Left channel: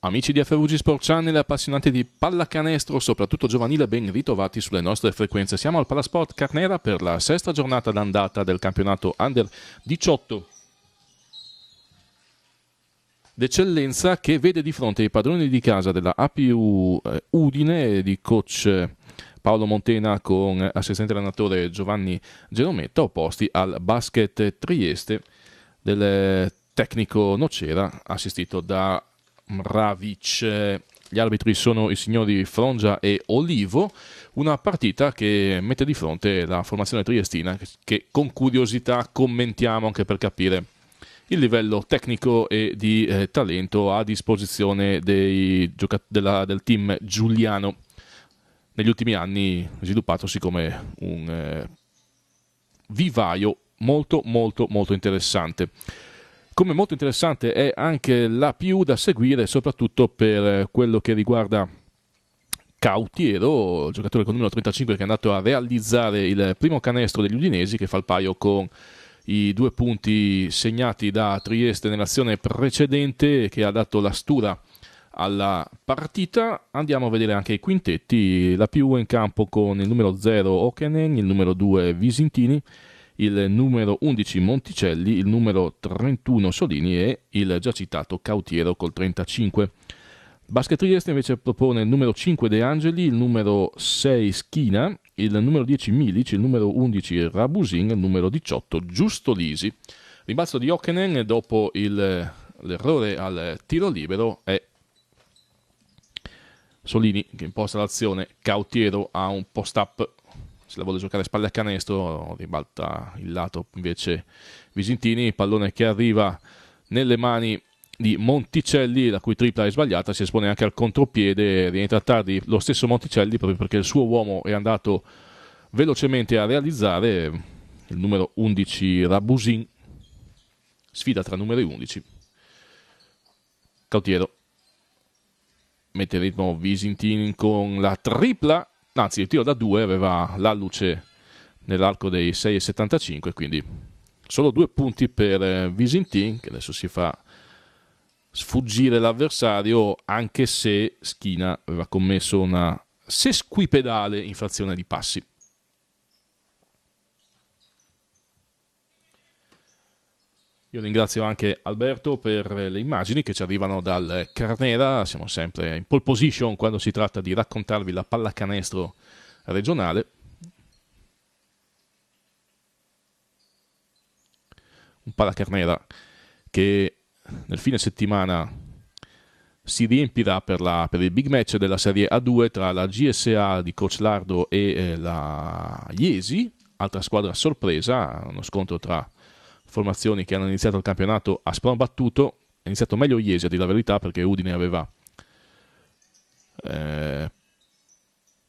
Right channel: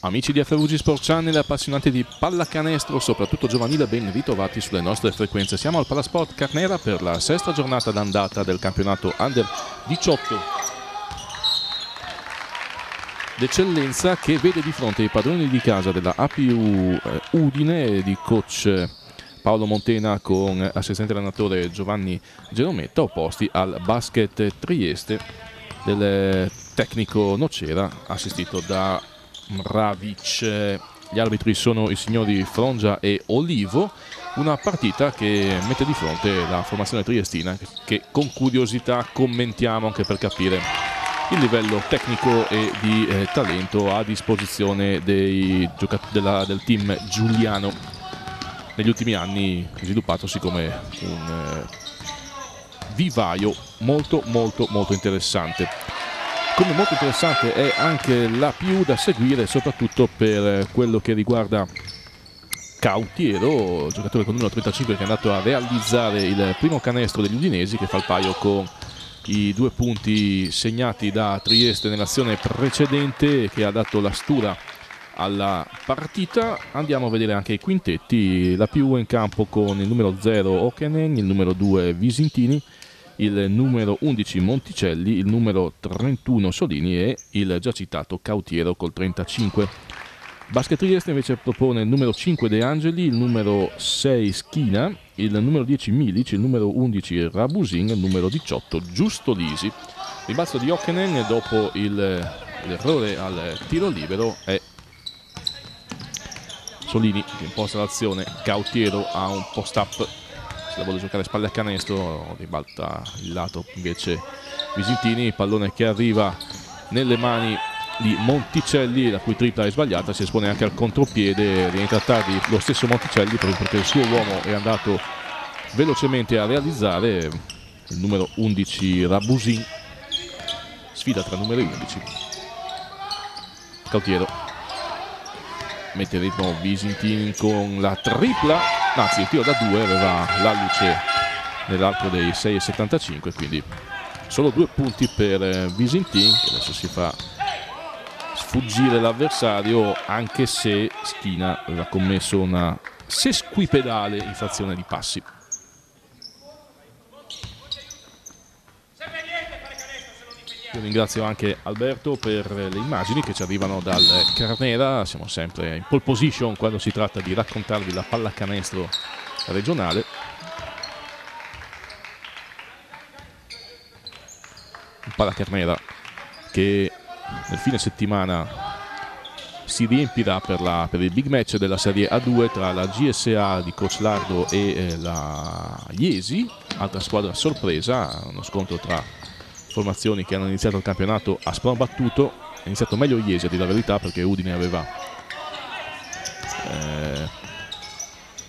Amici di FVG Sport Channel e appassionati di pallacanestro, soprattutto giovanile, ben ritrovati sulle nostre frequenze. Siamo al Palasport Carnera per la sesta giornata d'andata del campionato Under 18 d'eccellenza, che vede di fronte i padroni di casa della APU Udine di coach Paolo Montena con assistente allenatore Giovanni Gerometta, opposti al Basket Trieste del tecnico Nocera assistito da Mravic. Gli arbitri sono i signori Frongia e Olivo. Una partita che mette di fronte la formazione triestina, che con curiosità commentiamo anche per capire il livello tecnico e di talento a disposizione del team giuliano, negli ultimi anni sviluppatosi come un vivaio molto interessante. Come molto interessante è anche la PU da seguire, soprattutto per quello che riguarda Cautiero, giocatore con numero 35 che è andato a realizzare il primo canestro degli udinesi, che fa il paio con i 2 punti segnati da Trieste nell'azione precedente, che ha dato la stura alla partita. Andiamo a vedere anche i quintetti. La PU è in campo con il numero 0 Okenen, il numero 2 Visintini, il numero 11 Monticelli, il numero 31 Solini e il già citato Cautiero col 35. Basket Trieste invece propone il numero 5 De Angeli, il numero 6 Schina, il numero 10 Milic, il numero 11 Rabusin, il numero 18 Giustolisi. Rimbalzo di Okenen dopo l'errore al tiro libero è Solini che imposta l'azione. Cautiero ha un post-up, se la vuole giocare spalle a canestro, ribalta il lato invece Visintini, pallone che arriva nelle mani di Monticelli, la cui tripla è sbagliata, si espone anche al contropiede, rientra tardi lo stesso Monticelli proprio perché il suo uomo è andato velocemente a realizzare. Il numero 11 Rabusin, sfida tra numeri 11. Cautiero mette il ritmo Visintini con la tripla, anzi il tiro da 2 aveva la luce nell'arco dei 6,75, quindi solo 2 punti per Visintini, che adesso si fa sfuggire l'avversario, anche se Schina aveva commesso una sesquipedale infrazione di passi. Io ringrazio anche Alberto per le immagini che ci arrivano dal Carnera. Siamo sempre in pole position quando si tratta di raccontarvi la pallacanestro regionale. Un Pallacarnera che nel fine settimana si riempirà per il big match della Serie A2 tra la GSA di Coach Lardo e la Iesi, altra squadra sorpresa, uno scontro tra formazioni che hanno iniziato il campionato a sprombattuto. Ha iniziato meglio Iesi, a dire la verità, perché Udine aveva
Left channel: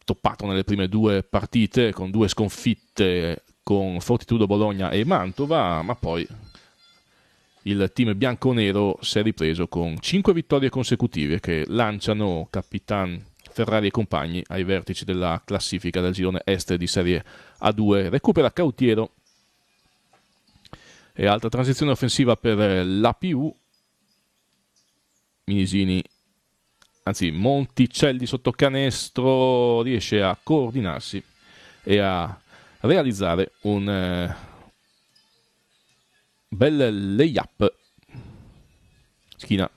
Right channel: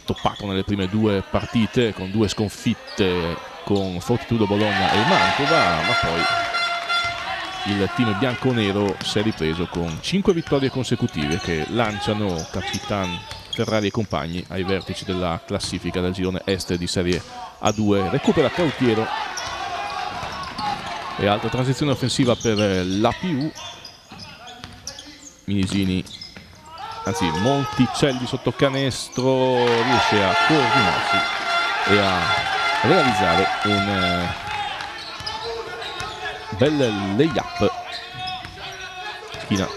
toppato nelle prime 2 partite con 2 sconfitte con Fortitudo Bologna e Mantova, ma poi il team bianconero si è ripreso con 5 vittorie consecutive che lanciano Capitan Ferrari e compagni ai vertici della classifica del girone est di Serie A2. Recupera Cautiero e altra transizione offensiva per l'APU. Minisini, anzi Monticelli sotto canestro, riesce a coordinarsi e a realizzare un bel layup. Schina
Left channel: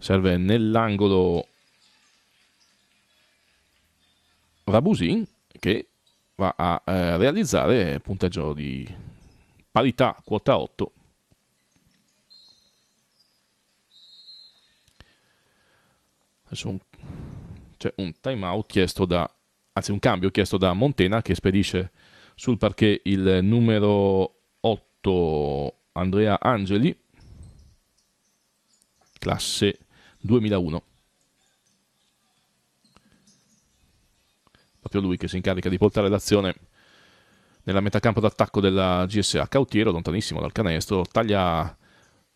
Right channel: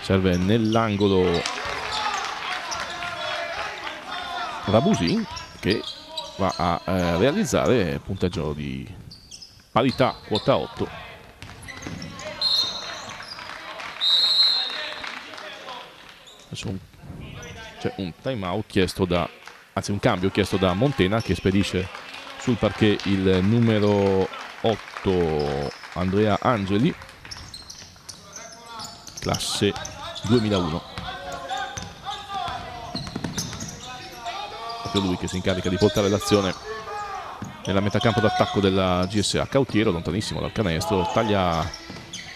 serve nell'angolo Rabusin, che va a realizzare punteggio di parità, quota 8. Adesso c'è un time out chiesto un cambio chiesto da Montena, che spedisce sul parquet il numero 8 Andrea Angeli, classe 2001. Proprio lui che si incarica di portare l'azione nella metà campo d'attacco della GSA. Cautiero, lontanissimo dal canestro, taglia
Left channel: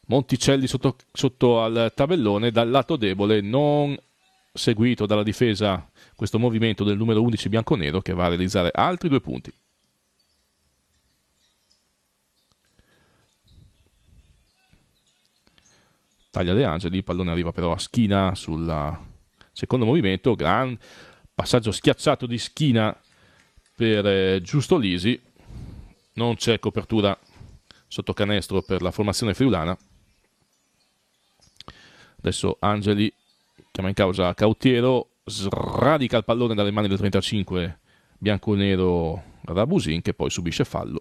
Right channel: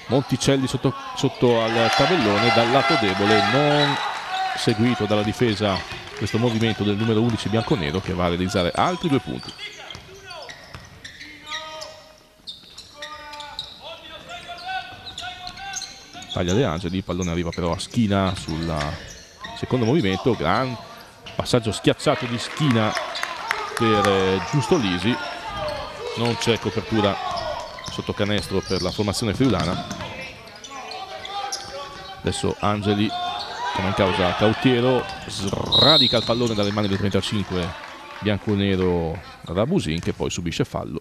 Monticelli sotto al tabellone dal lato debole, non seguito dalla difesa questo movimento del numero 11 bianconero, che va a realizzare altri 2 punti. taglia De Angeli, il pallone arriva però a Schina sul secondo movimento, gran passaggio schiacciato di Schina per Giusto Lisi, non c'è copertura sotto canestro per la formazione friulana. Adesso Angeli chiama in causa Cautiero, sradica il pallone dalle mani del 35 bianconero Rabusin, che poi subisce fallo.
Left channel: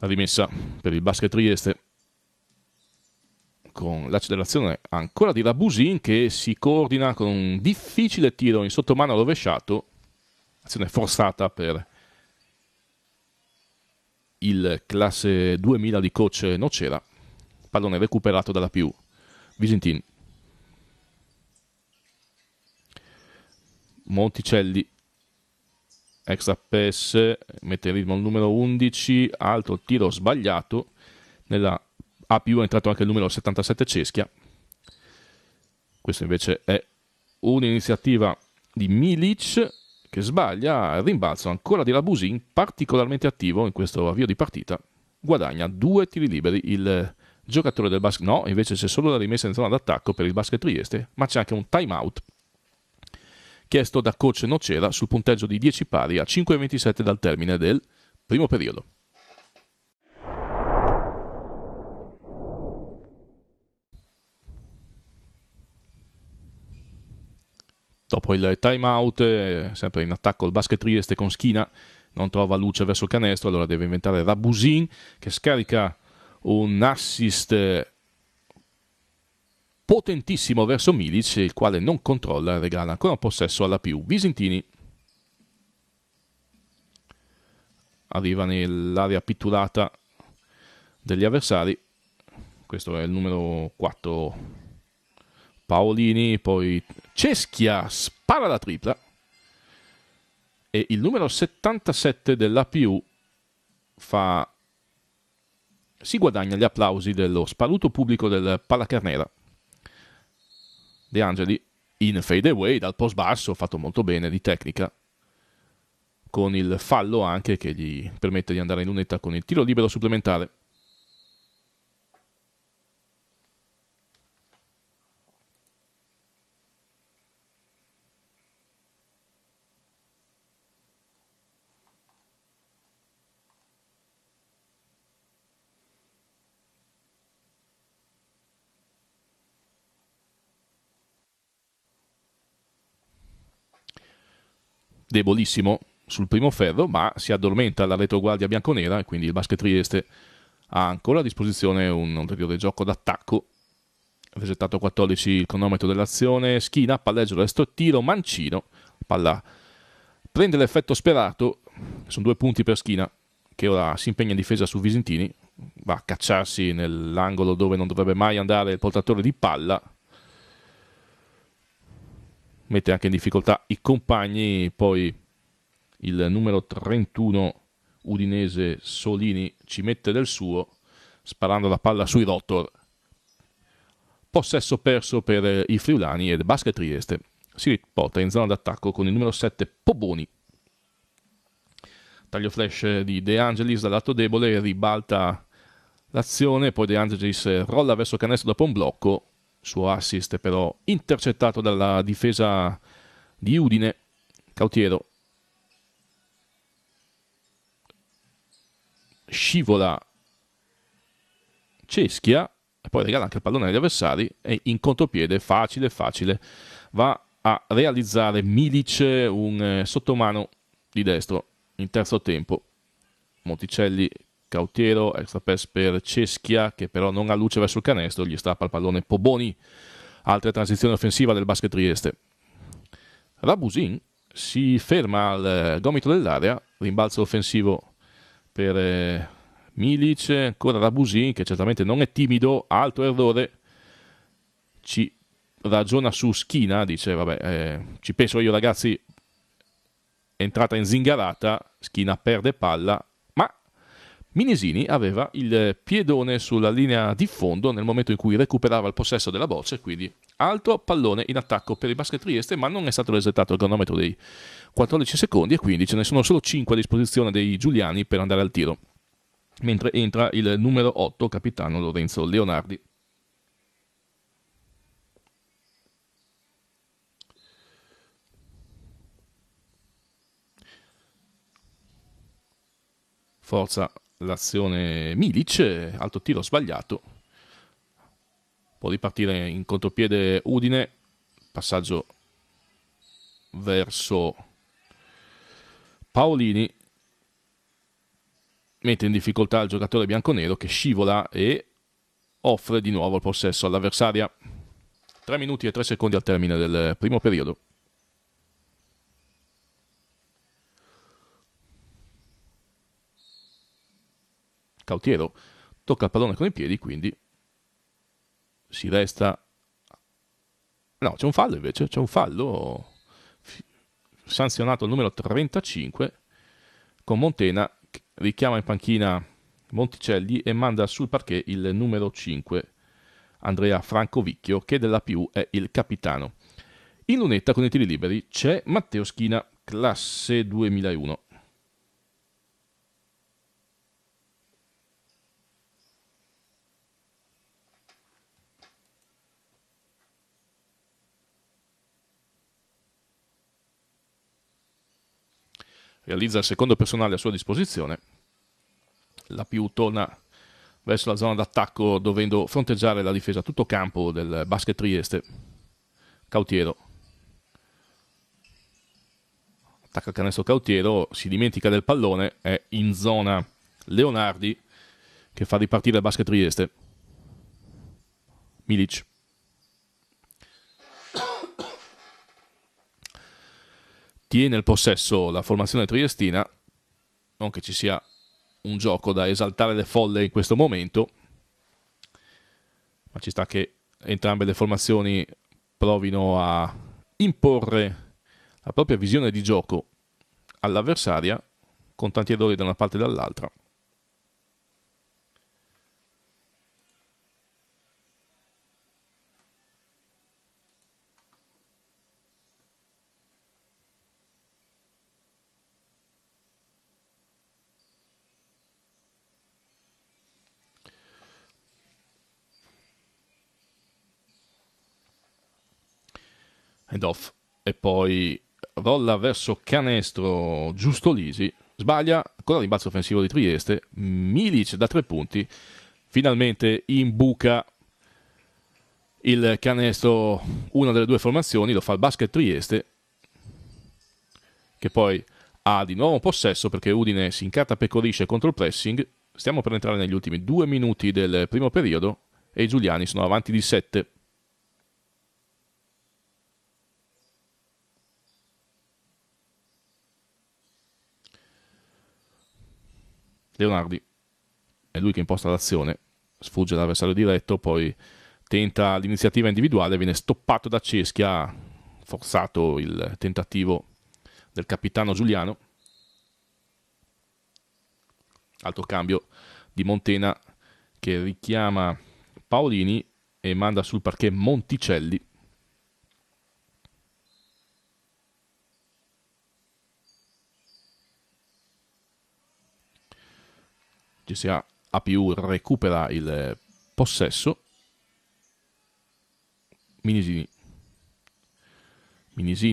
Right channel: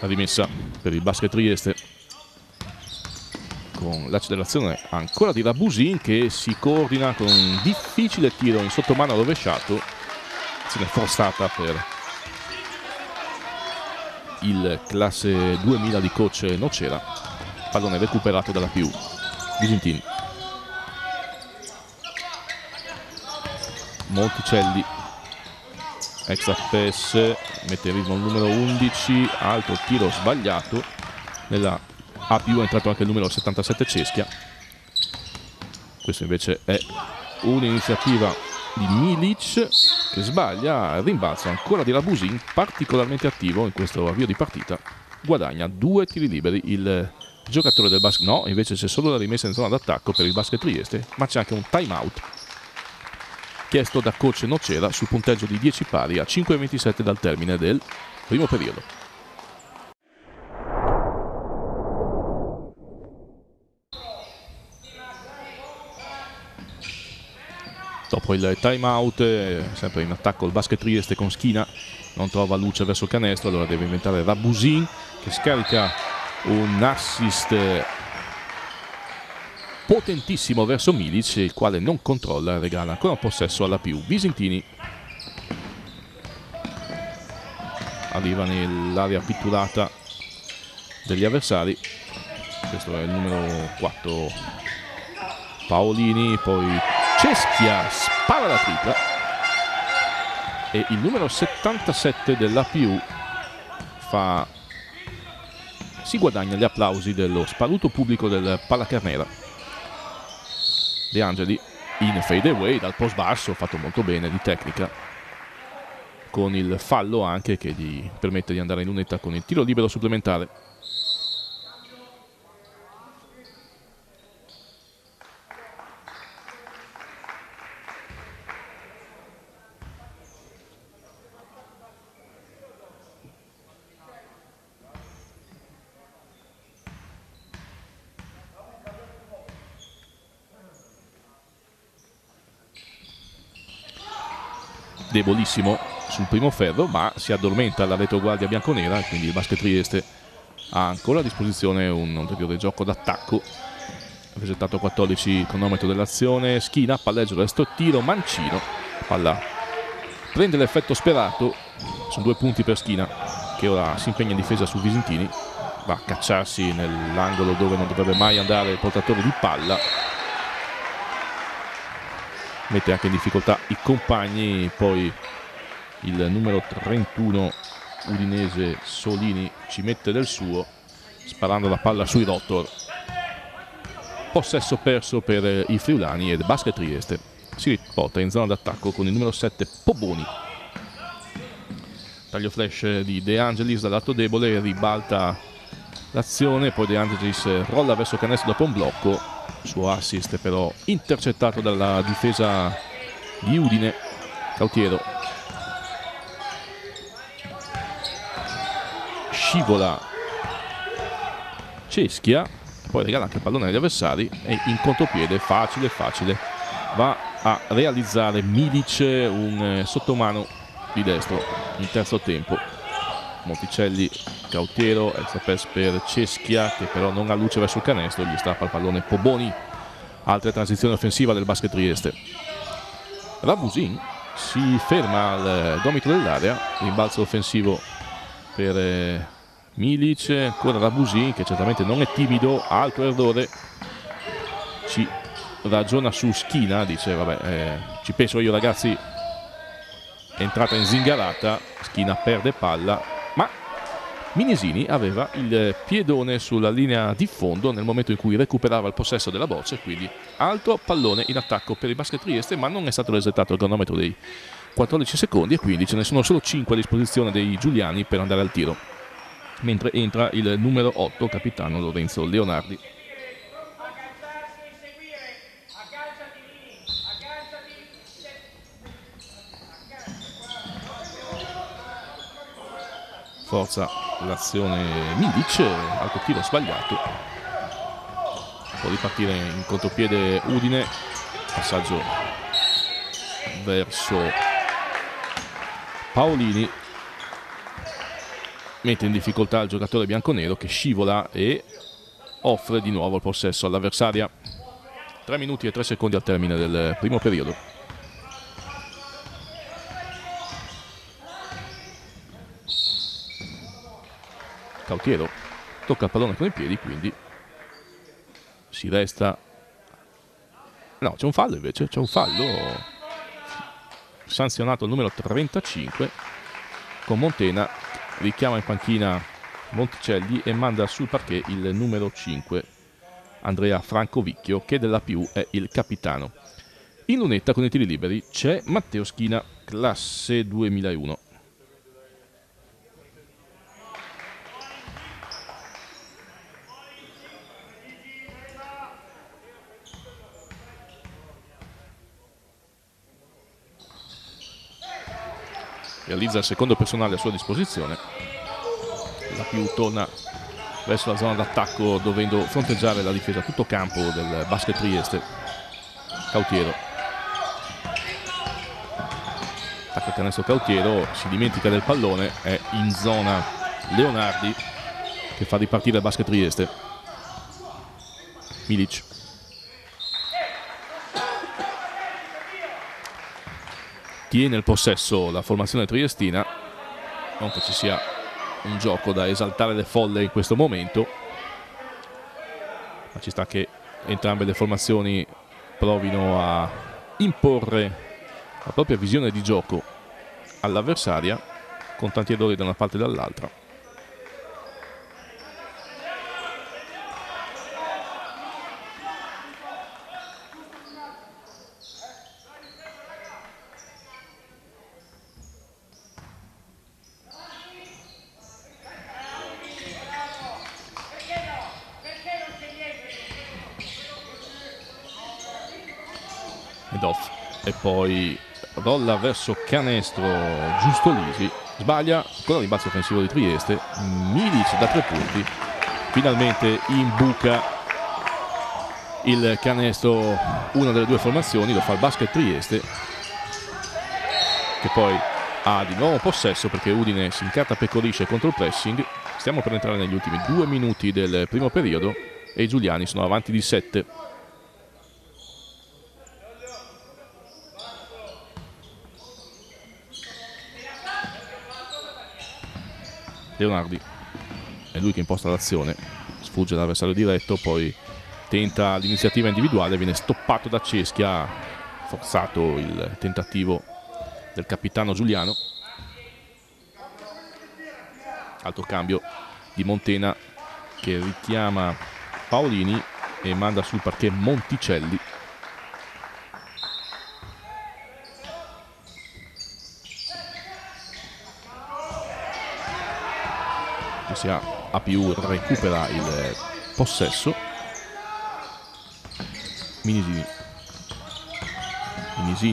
La rimessa per il Basket Trieste con l'accelerazione ancora di Rabusin, che si coordina con un difficile tiro in sottomano rovesciato, azione forzata per il classe 2000 di coach Nocera. Pallone recuperato dalla PU Visentini. Monticelli, extra pass, mette in ritmo il numero 11, altro tiro sbagliato. Nella APU è entrato anche il numero 77 Ceschia. Questo invece è un'iniziativa di Milic, che sbaglia. Il rimbalzo ancora di Rabusin, particolarmente attivo in questo avvio di partita. Guadagna 2 tiri liberi il giocatore del basket. No, invece c'è solo la rimessa in zona d'attacco per il Basket Trieste, ma c'è anche un time out chiesto da coach Nocera sul punteggio di 10 pari a 5:27 dal termine del primo periodo. Dopo il time out, sempre in attacco il Basket Trieste con Schina, non trova luce verso il canestro, allora deve inventare Rabusin, che scarica un assist potentissimo verso Milic, il quale non controlla e regala ancora un possesso alla PU Visentini. Arriva nell'area pitturata degli avversari, questo è il numero 4 Paolini, poi Ceschia spara la tripla e il numero 77 dell'APU si guadagna gli applausi dello sparuto pubblico del Pallacarnera. De Angeli in fade away dal post basso, fatto molto bene di tecnica, con il fallo anche che gli permette di andare in lunetta con il tiro libero supplementare. Debolissimo sul primo ferro, ma si addormenta la retroguardia bianconera e quindi il Basket Trieste ha ancora a disposizione un ulteriore gioco d'attacco. Resettato a 14 il cronometro dell'azione. Schina, palleggio, resto tiro, mancino, palla prende l'effetto sperato. Sono 2 punti per Schina, che ora si impegna in difesa su Visentini, va a cacciarsi nell'angolo dove non dovrebbe mai andare il portatore di palla, mette anche in difficoltà i compagni. Poi il numero 31 udinese Solini ci mette del suo, sparando la palla sui rotor. Possesso perso per i friulani, ed Basket Trieste si riporta in zona d'attacco con il numero 7 Poboni. Taglio flash di De Angelis dal lato debole, ribalta l'azione, poi De Angelis rolla verso canestro dopo un blocco, suo assist però intercettato dalla difesa di Udine. Cautiero scivola Ceschia, poi regala anche il pallone agli avversari e in contropiede facile va a realizzare Milic un sottomano di destro in terzo tempo. Monticelli, Cautiero, extra pass per Ceschia, che però non ha luce verso il canestro, gli strappa il pallone Poboni. Altra transizione offensiva del Basket Trieste. Rabusin si ferma al gomito dell'area, rimbalzo offensivo per Milic, ancora Rabusin, che certamente non è timido, altro errore, ci ragiona su Schina, dice vabbè, ci penso io ragazzi, è entrata in zingarata, Schina perde palla, ma Minesini aveva il piedone sulla linea di fondo nel momento in cui recuperava il possesso della boccia, quindi altro pallone in attacco per il Basket Trieste, ma non è stato resettato il cronometro dei 14 secondi e quindi ce ne sono solo 5 a disposizione dei giuliani per andare al tiro, mentre entra il numero 8, capitano Lorenzo Leonardi. Forza l'azione Milic, alto tiro sbagliato, può ripartire in contropiede Udine, passaggio verso Paolini, mette in difficoltà il giocatore bianconero che scivola e offre di nuovo il possesso all'avversaria. 3 minuti e 3 secondi al termine del primo periodo. Cautiero tocca il pallone con i piedi, quindi si resta... No, c'è un fallo invece, c'è un fallo sanzionato il numero 35 con Montena, richiama in panchina Monticelli e manda sul parquet il numero 5 Andrea Francovicchio, che della più è il capitano. In lunetta con i tiri liberi c'è Matteo Schina, classe 2001. Realizza il secondo personale a sua disposizione. La più torna verso la zona d'attacco dovendo fronteggiare la difesa a tutto campo del Basket Trieste. Cautiero attacca il canestro Cautiero, si dimentica del pallone, è in zona Leonardi che fa ripartire il Basket Trieste. Milic tiene il possesso la formazione triestina, non che ci sia un gioco da esaltare le folle in questo momento, ma ci sta che entrambe le formazioni provino a imporre la propria visione di gioco all'avversaria, con tanti errori da una parte e dall'altra. Ed off, e poi rolla verso canestro Giustolisi, sbaglia con il rimbalzo offensivo di Trieste. Milic da 3 punti, finalmente imbuca il canestro una delle due formazioni, lo fa il Basket Trieste, che poi ha di nuovo possesso perché Udine si incartapecorisce contro il pressing. Stiamo per entrare negli ultimi 2 minuti del primo periodo e i giuliani sono avanti di 7. Leonardi è lui che imposta l'azione, sfugge l'avversario diretto, poi tenta l'iniziativa individuale, viene stoppato da Ceschia, forzato il tentativo del capitano giuliano. Altro cambio di Montena che richiama Paolini e manda sul parquet Monticelli. GSA APU recupera il possesso. Minisini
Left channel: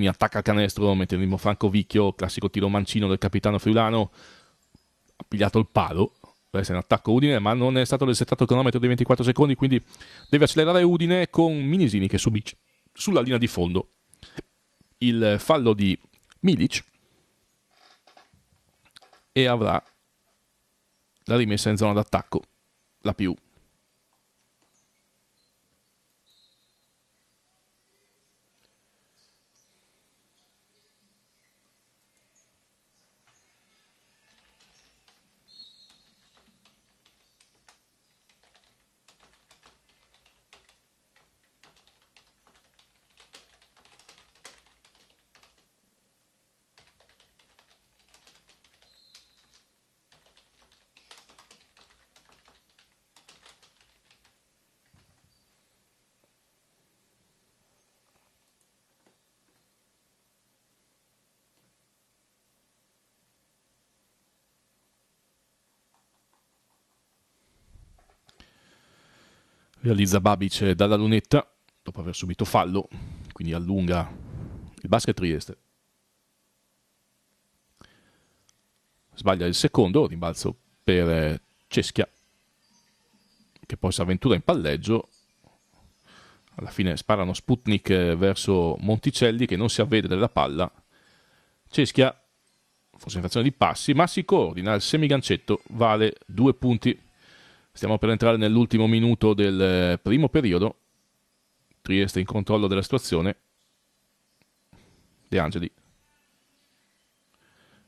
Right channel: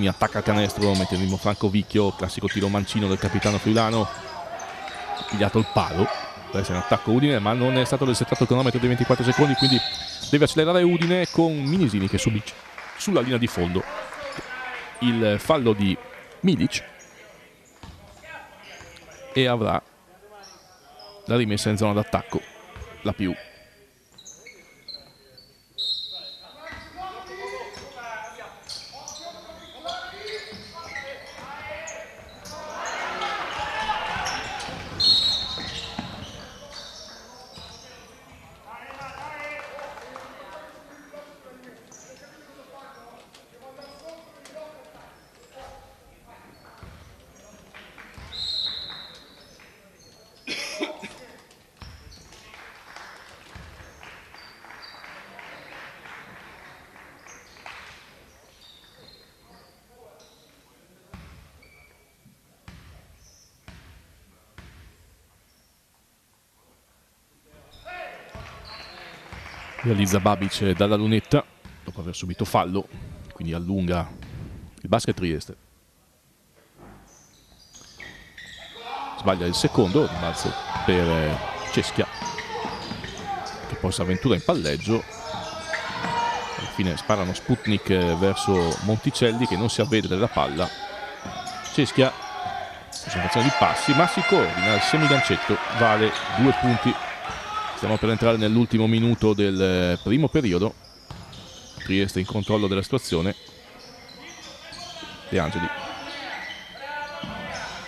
attacca il canestro, mette in ritmo Francovicchio, classico tiro mancino del capitano friulano, ha pigliato il palo, deve essere un attacco Udine, ma non è stato resettato il cronometro dei 24 secondi, quindi deve accelerare Udine con Minisini che subisce sulla linea di fondo il fallo di Milic e avrà la rimessa in zona d'attacco la più. Realizza Babic dalla lunetta dopo aver subito fallo, quindi allunga il Basket Trieste. Sbaglia il secondo, rimbalzo per Ceschia, che poi si avventura in palleggio. Alla fine sparano Sputnik verso Monticelli, che non si avvede della palla. Ceschia, concentrazione di passi, ma si coordina, il semigancetto vale 2 punti. Stiamo per entrare nell'ultimo minuto del primo periodo. Trieste in controllo della situazione. De Angeli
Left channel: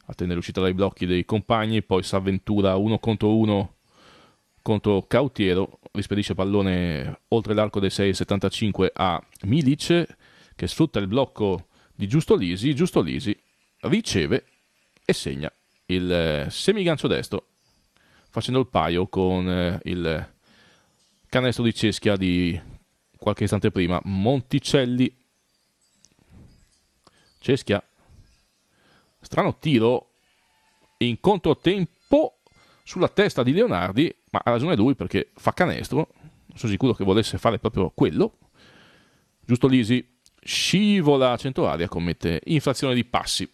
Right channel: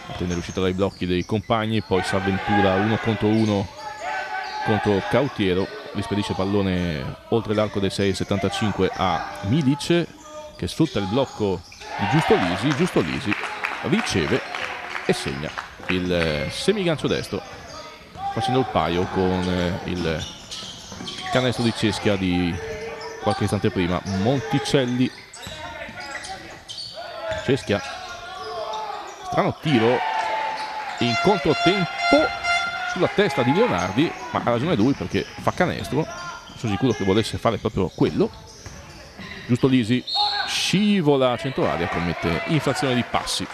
attende l'uscita dai blocchi dei compagni, poi si avventura 1 contro 1 contro Cautiero, rispedisce pallone oltre l'arco dei 6,75 a Milic, che sfrutta il blocco di Giusto Lisi riceve e segna il semigancio destro, facendo il paio con il canestro di Ceschia di qualche istante prima. Monticelli, Ceschia, strano tiro in controtempo sulla testa di Leonardi, ma ha ragione lui perché fa canestro. Sono sicuro che volesse fare proprio quello. Giusto Lisi scivola a centro aria, commette infrazione di passi.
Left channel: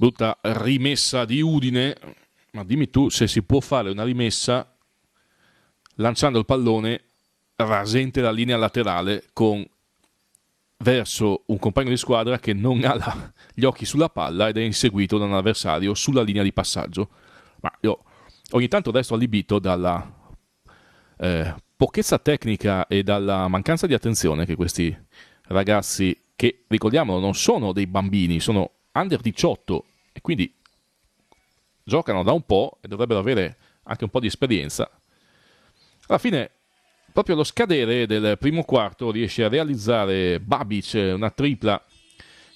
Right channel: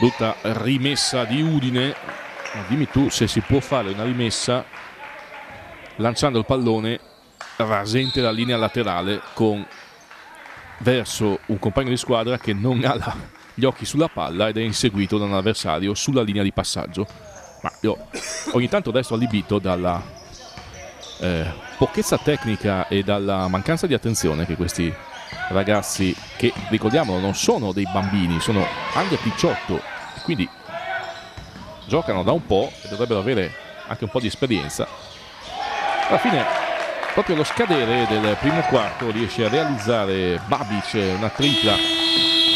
Brutta rimessa di Udine, ma dimmi tu se si può fare una rimessa lanciando il pallone rasente la linea laterale verso un compagno di squadra che non ha gli occhi sulla palla ed è inseguito da un avversario sulla linea di passaggio. Ma io ogni tanto resto allibito dalla pochezza tecnica e dalla mancanza di attenzione che questi ragazzi, che ricordiamolo non sono dei bambini, sono under 18 e quindi giocano da un po' e dovrebbero avere anche un po' di esperienza. Alla fine, proprio allo scadere del primo quarto, riesce a realizzare Babic una tripla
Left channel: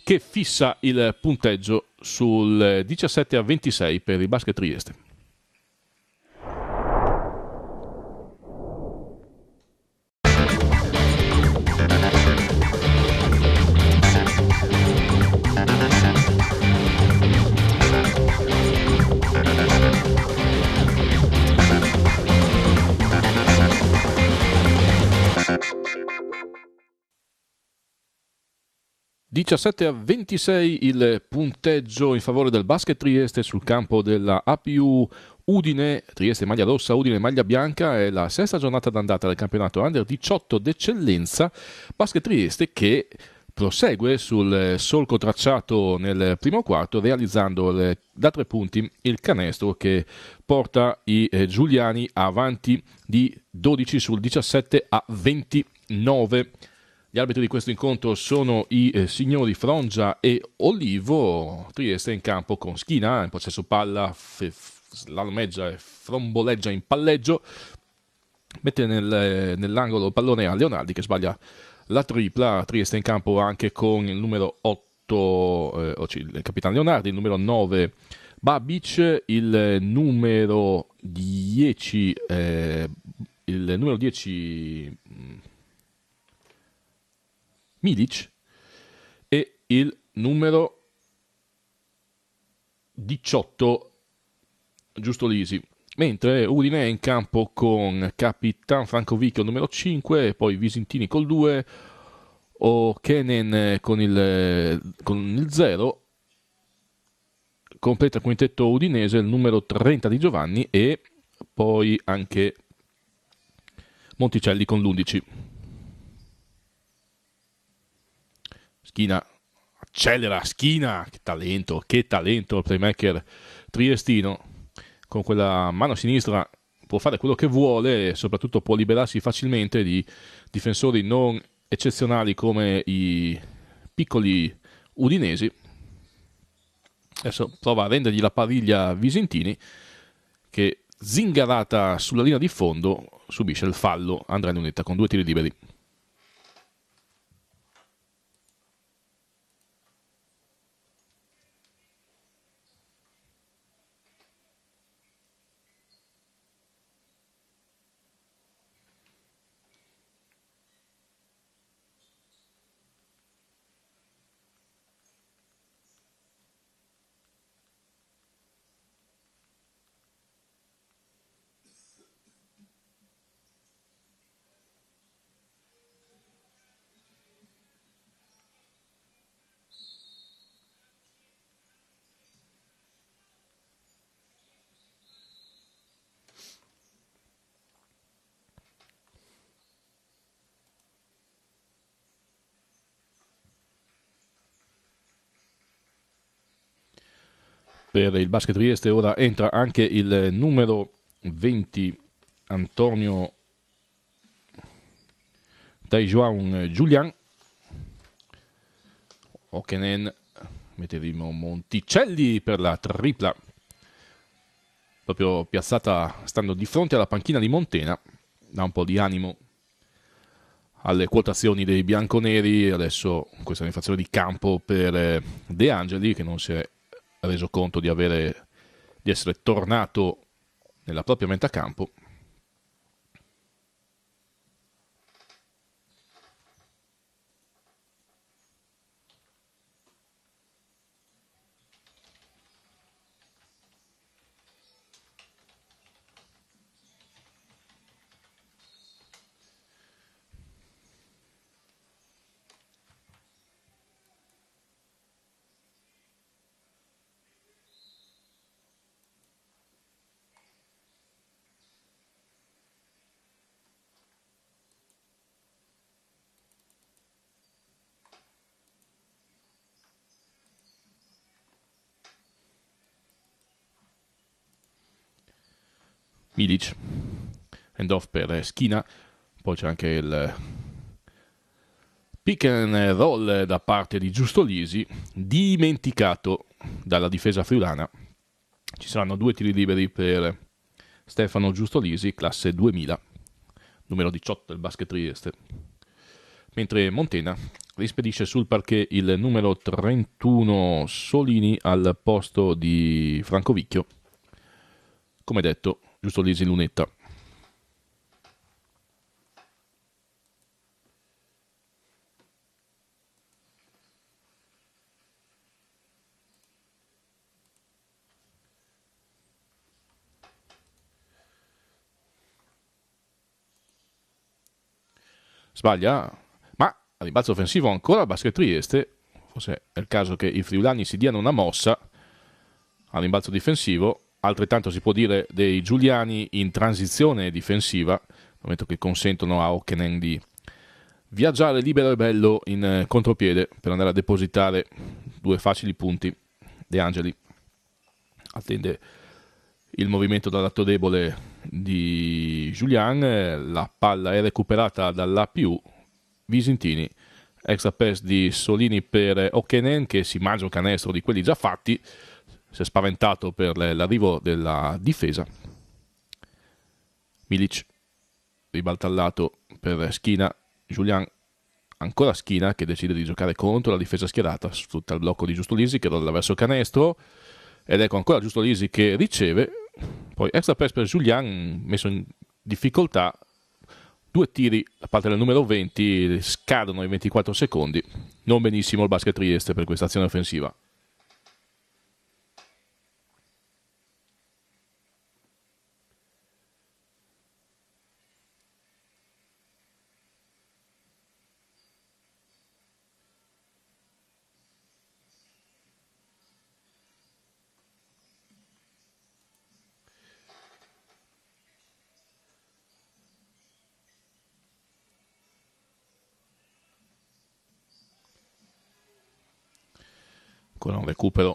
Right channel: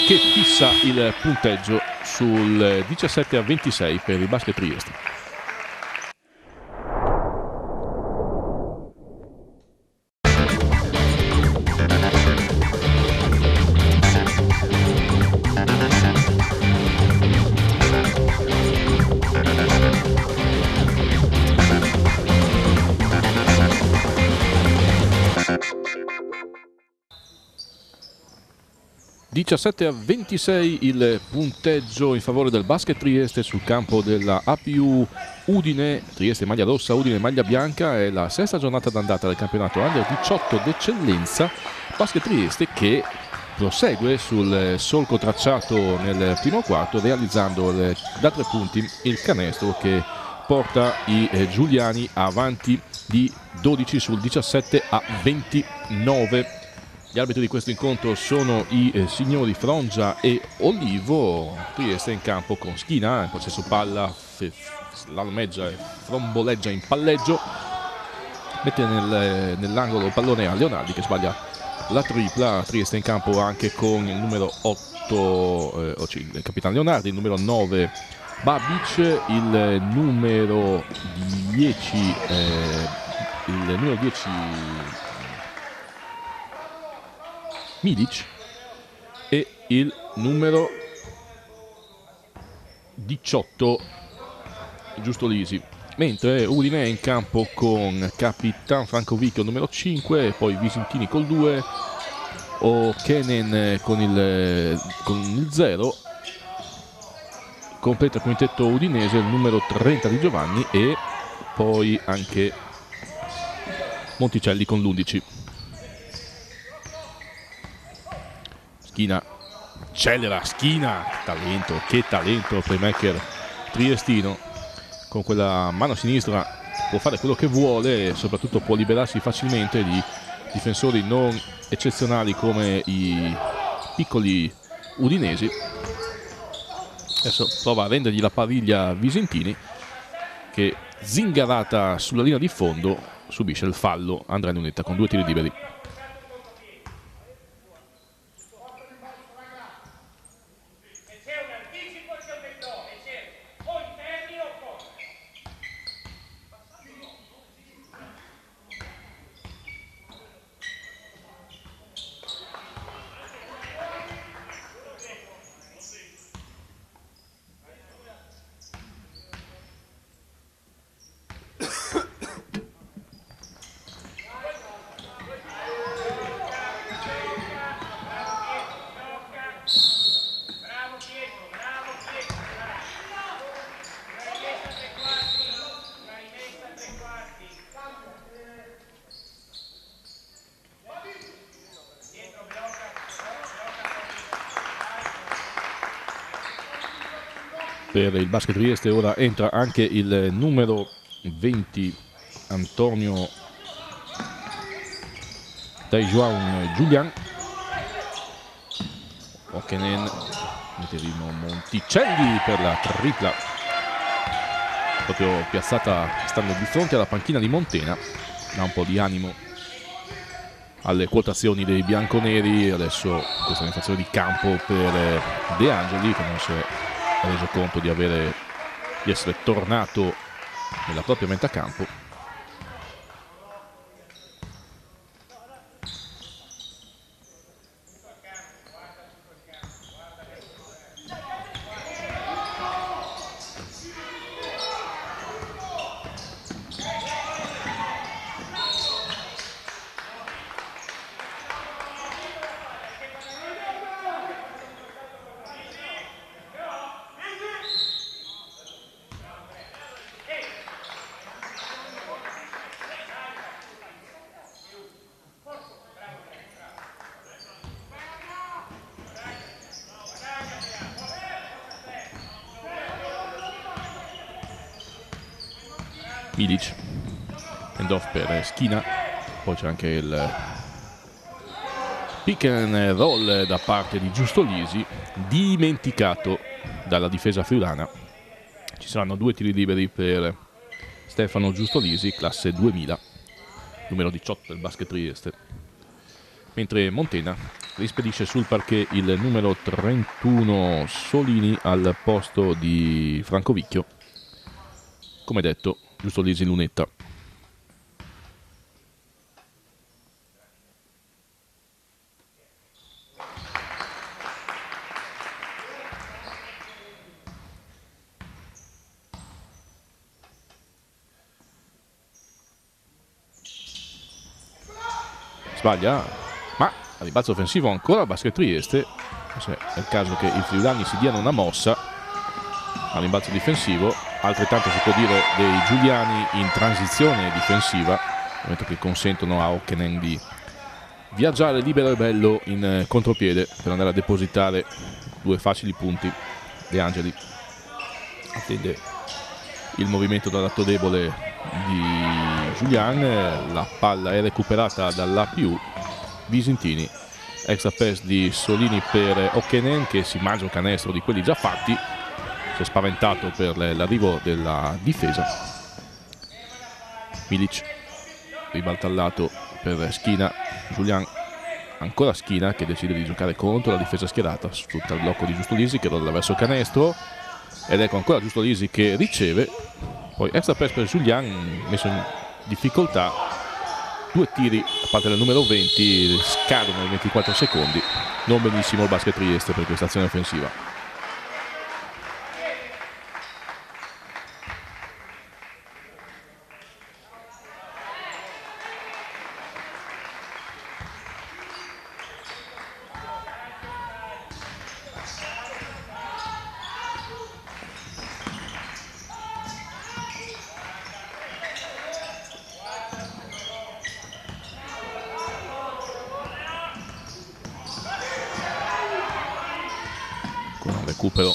che fissa il punteggio sul 17-26 per il Basket Trieste. (17-26) il punteggio in favore del Basket Trieste sul campo della APU Udine. Trieste maglia rossa, Udine maglia bianca. È la sesta giornata d'andata del campionato Under 18 d'eccellenza. Basket Trieste che prosegue sul solco tracciato nel primo quarto, realizzando da 3 punti il canestro che porta i giuliani avanti di 12 sul 17-29. Gli arbitri di questo incontro sono i signori Frongia e Olivo. Trieste in campo con Schina in possesso palla, slalomeggia e fromboleggia in palleggio. Mette nell'angolo il pallone a Leonardi che sbaglia la tripla. Trieste in campo anche con il numero 8, il capitano Leonardi, il numero 9 Babic, il numero 10 Milic e il numero 18 Giusto Lisi. Mentre Udine è in campo con Capitan Francovicchio numero 5, e poi Visintini col 2, O'Kenen con il 0. Completa il quintetto udinese il numero 30 di Giovanni e poi anche Monticelli con l'11. Schina accelera, Schina, che talento il playmaker triestino, con quella mano sinistra può fare quello che vuole e soprattutto può liberarsi facilmente di difensori non eccezionali come i piccoli udinesi. Adesso prova a rendergli la pariglia Visentini, che zingarata sulla linea di fondo subisce il fallo Andrea Lunetta con 2 tiri liberi. Per il Basket Trieste ora entra anche il numero 20 Antonio Taijuan Giulian. Okenen, metteremo Monticelli per la tripla, proprio piazzata stando di fronte alla panchina di Montena, dà un po' di animo alle quotazioni dei bianconeri. Adesso questa infrazione di campo per De Angeli, che non si è reso conto di essere tornato nella propria metà campo. Milic, end off per Schina, poi c'è anche il pick and roll da parte di Giustolisi, dimenticato dalla difesa friulana. Ci saranno 2 tiri liberi per Stefano Giustolisi, classe 2000, numero 18 del Basket Trieste, mentre Montena rispedisce sul parquet il numero 31 Solini al posto di Francovicchio. Come detto, Giustolisi Lunetta. Sbaglia, ma a ribalzo offensivo ancora il Basket Trieste. Forse è il caso che i friulani si diano una mossa a rimbalzo difensivo. Altrettanto si può dire dei giuliani in transizione difensiva, nel momento che consentono a Okenen di viaggiare libero e bello in contropiede per andare a depositare 2 facili punti. De Angeli attende il movimento dal lato debole di Giulian, la palla è recuperata dall'APU. Visentini, extra pass di Solini per Okenen, che si mangia un canestro di quelli già fatti. Si è spaventato per l'arrivo della difesa. Milic ribalta al lato per Schina. Giulian, ancora Schina, che decide di giocare contro la difesa schierata, sfrutta il blocco di Giustolisi che rolla verso canestro, ed ecco ancora Giustolisi che riceve. Poi extra pass per Giulian, messo in difficoltà. 2 tiri da parte del numero 20, scadono i 24 secondi. Non benissimo il Basket Trieste per questa azione offensiva. Con un recupero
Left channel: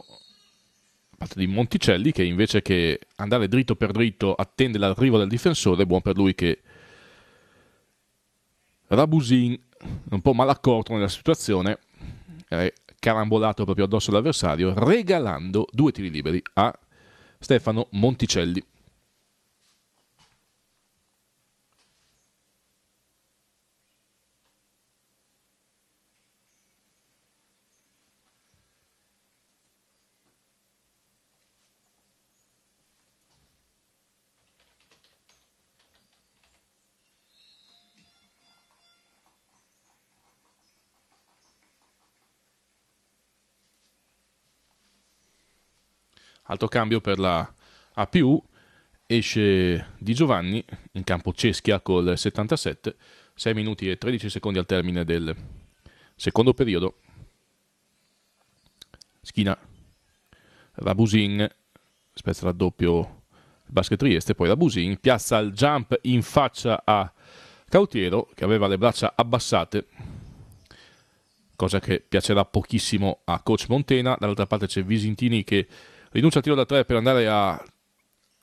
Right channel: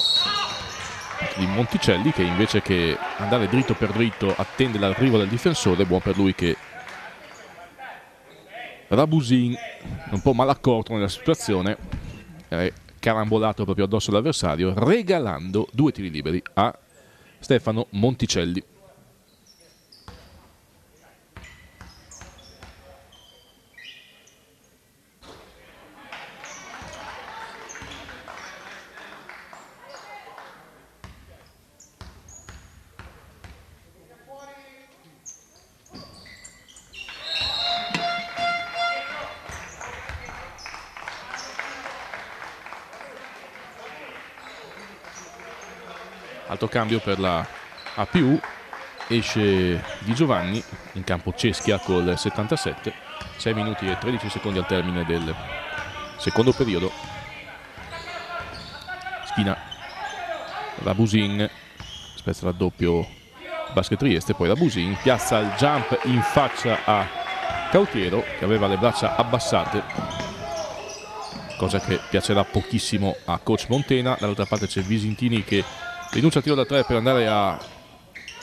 di Monticelli, che invece che andare dritto per dritto attende l'arrivo del difensore. Buon per lui che Rabusin, un po' malaccorto nella situazione, è carambolato proprio addosso all'avversario, regalando 2 tiri liberi a Stefano Monticelli. Altro cambio per la APU, esce Di Giovanni, in campo Ceschia col 77, 6 minuti e 13 secondi al termine del secondo periodo. Schina, Rabusin, spezza raddoppio Basket Trieste, poi Rabusin piazza il jump in faccia a Cautiero che aveva le braccia abbassate, cosa che piacerà pochissimo a coach Montena. Dall'altra parte c'è Visintini che rinuncia al tiro da 3 per andare a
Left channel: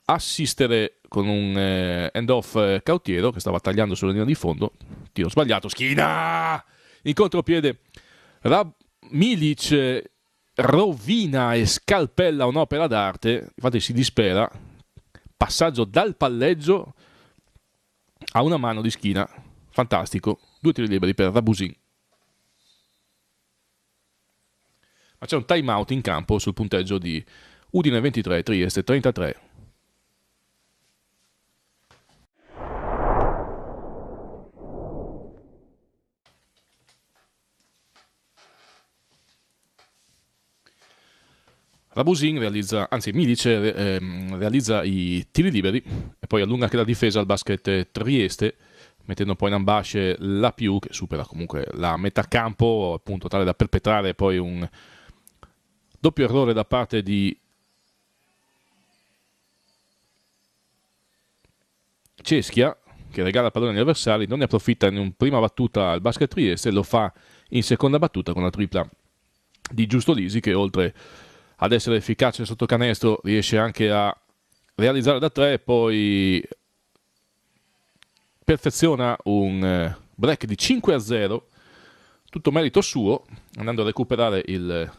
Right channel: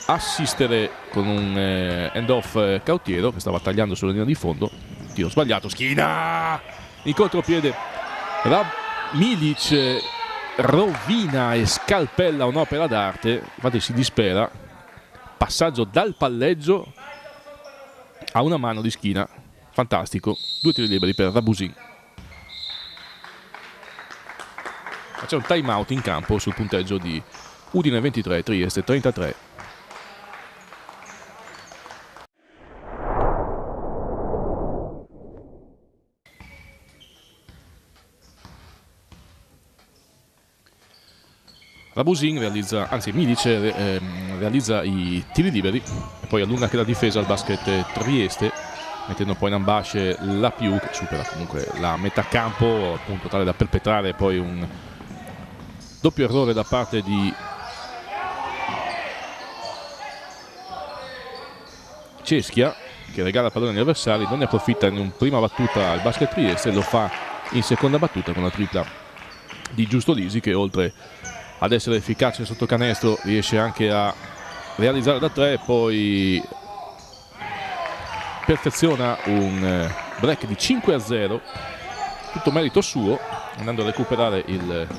assistere con un end-off Cautiero che stava tagliando sulla linea di fondo. Tiro sbagliato, Schina in contropiede, Milic rovina e scalpella un'opera d'arte, infatti si dispera. Passaggio dal palleggio a una mano di Schina, fantastico. 2 tiri liberi per Rabusin. Ma c'è un time out in campo sul punteggio di Udine 23, Trieste 33. Rabusin realizza, anzi Milic realizza i tiri liberi e poi allunga anche la difesa al Basket Trieste, mettendo poi in ambasce la più che supera comunque la metà campo, appunto tale da perpetrare poi un doppio errore da parte di Ceschia, che regala il pallone agli avversari, non ne approfitta in una prima battuta al Basket Trieste, lo fa in seconda battuta con la tripla di Giusto Lisi, che oltre ad essere efficace sotto canestro riesce anche a realizzare da 3, poi perfeziona un break di 5-0, tutto merito suo, andando a recuperare il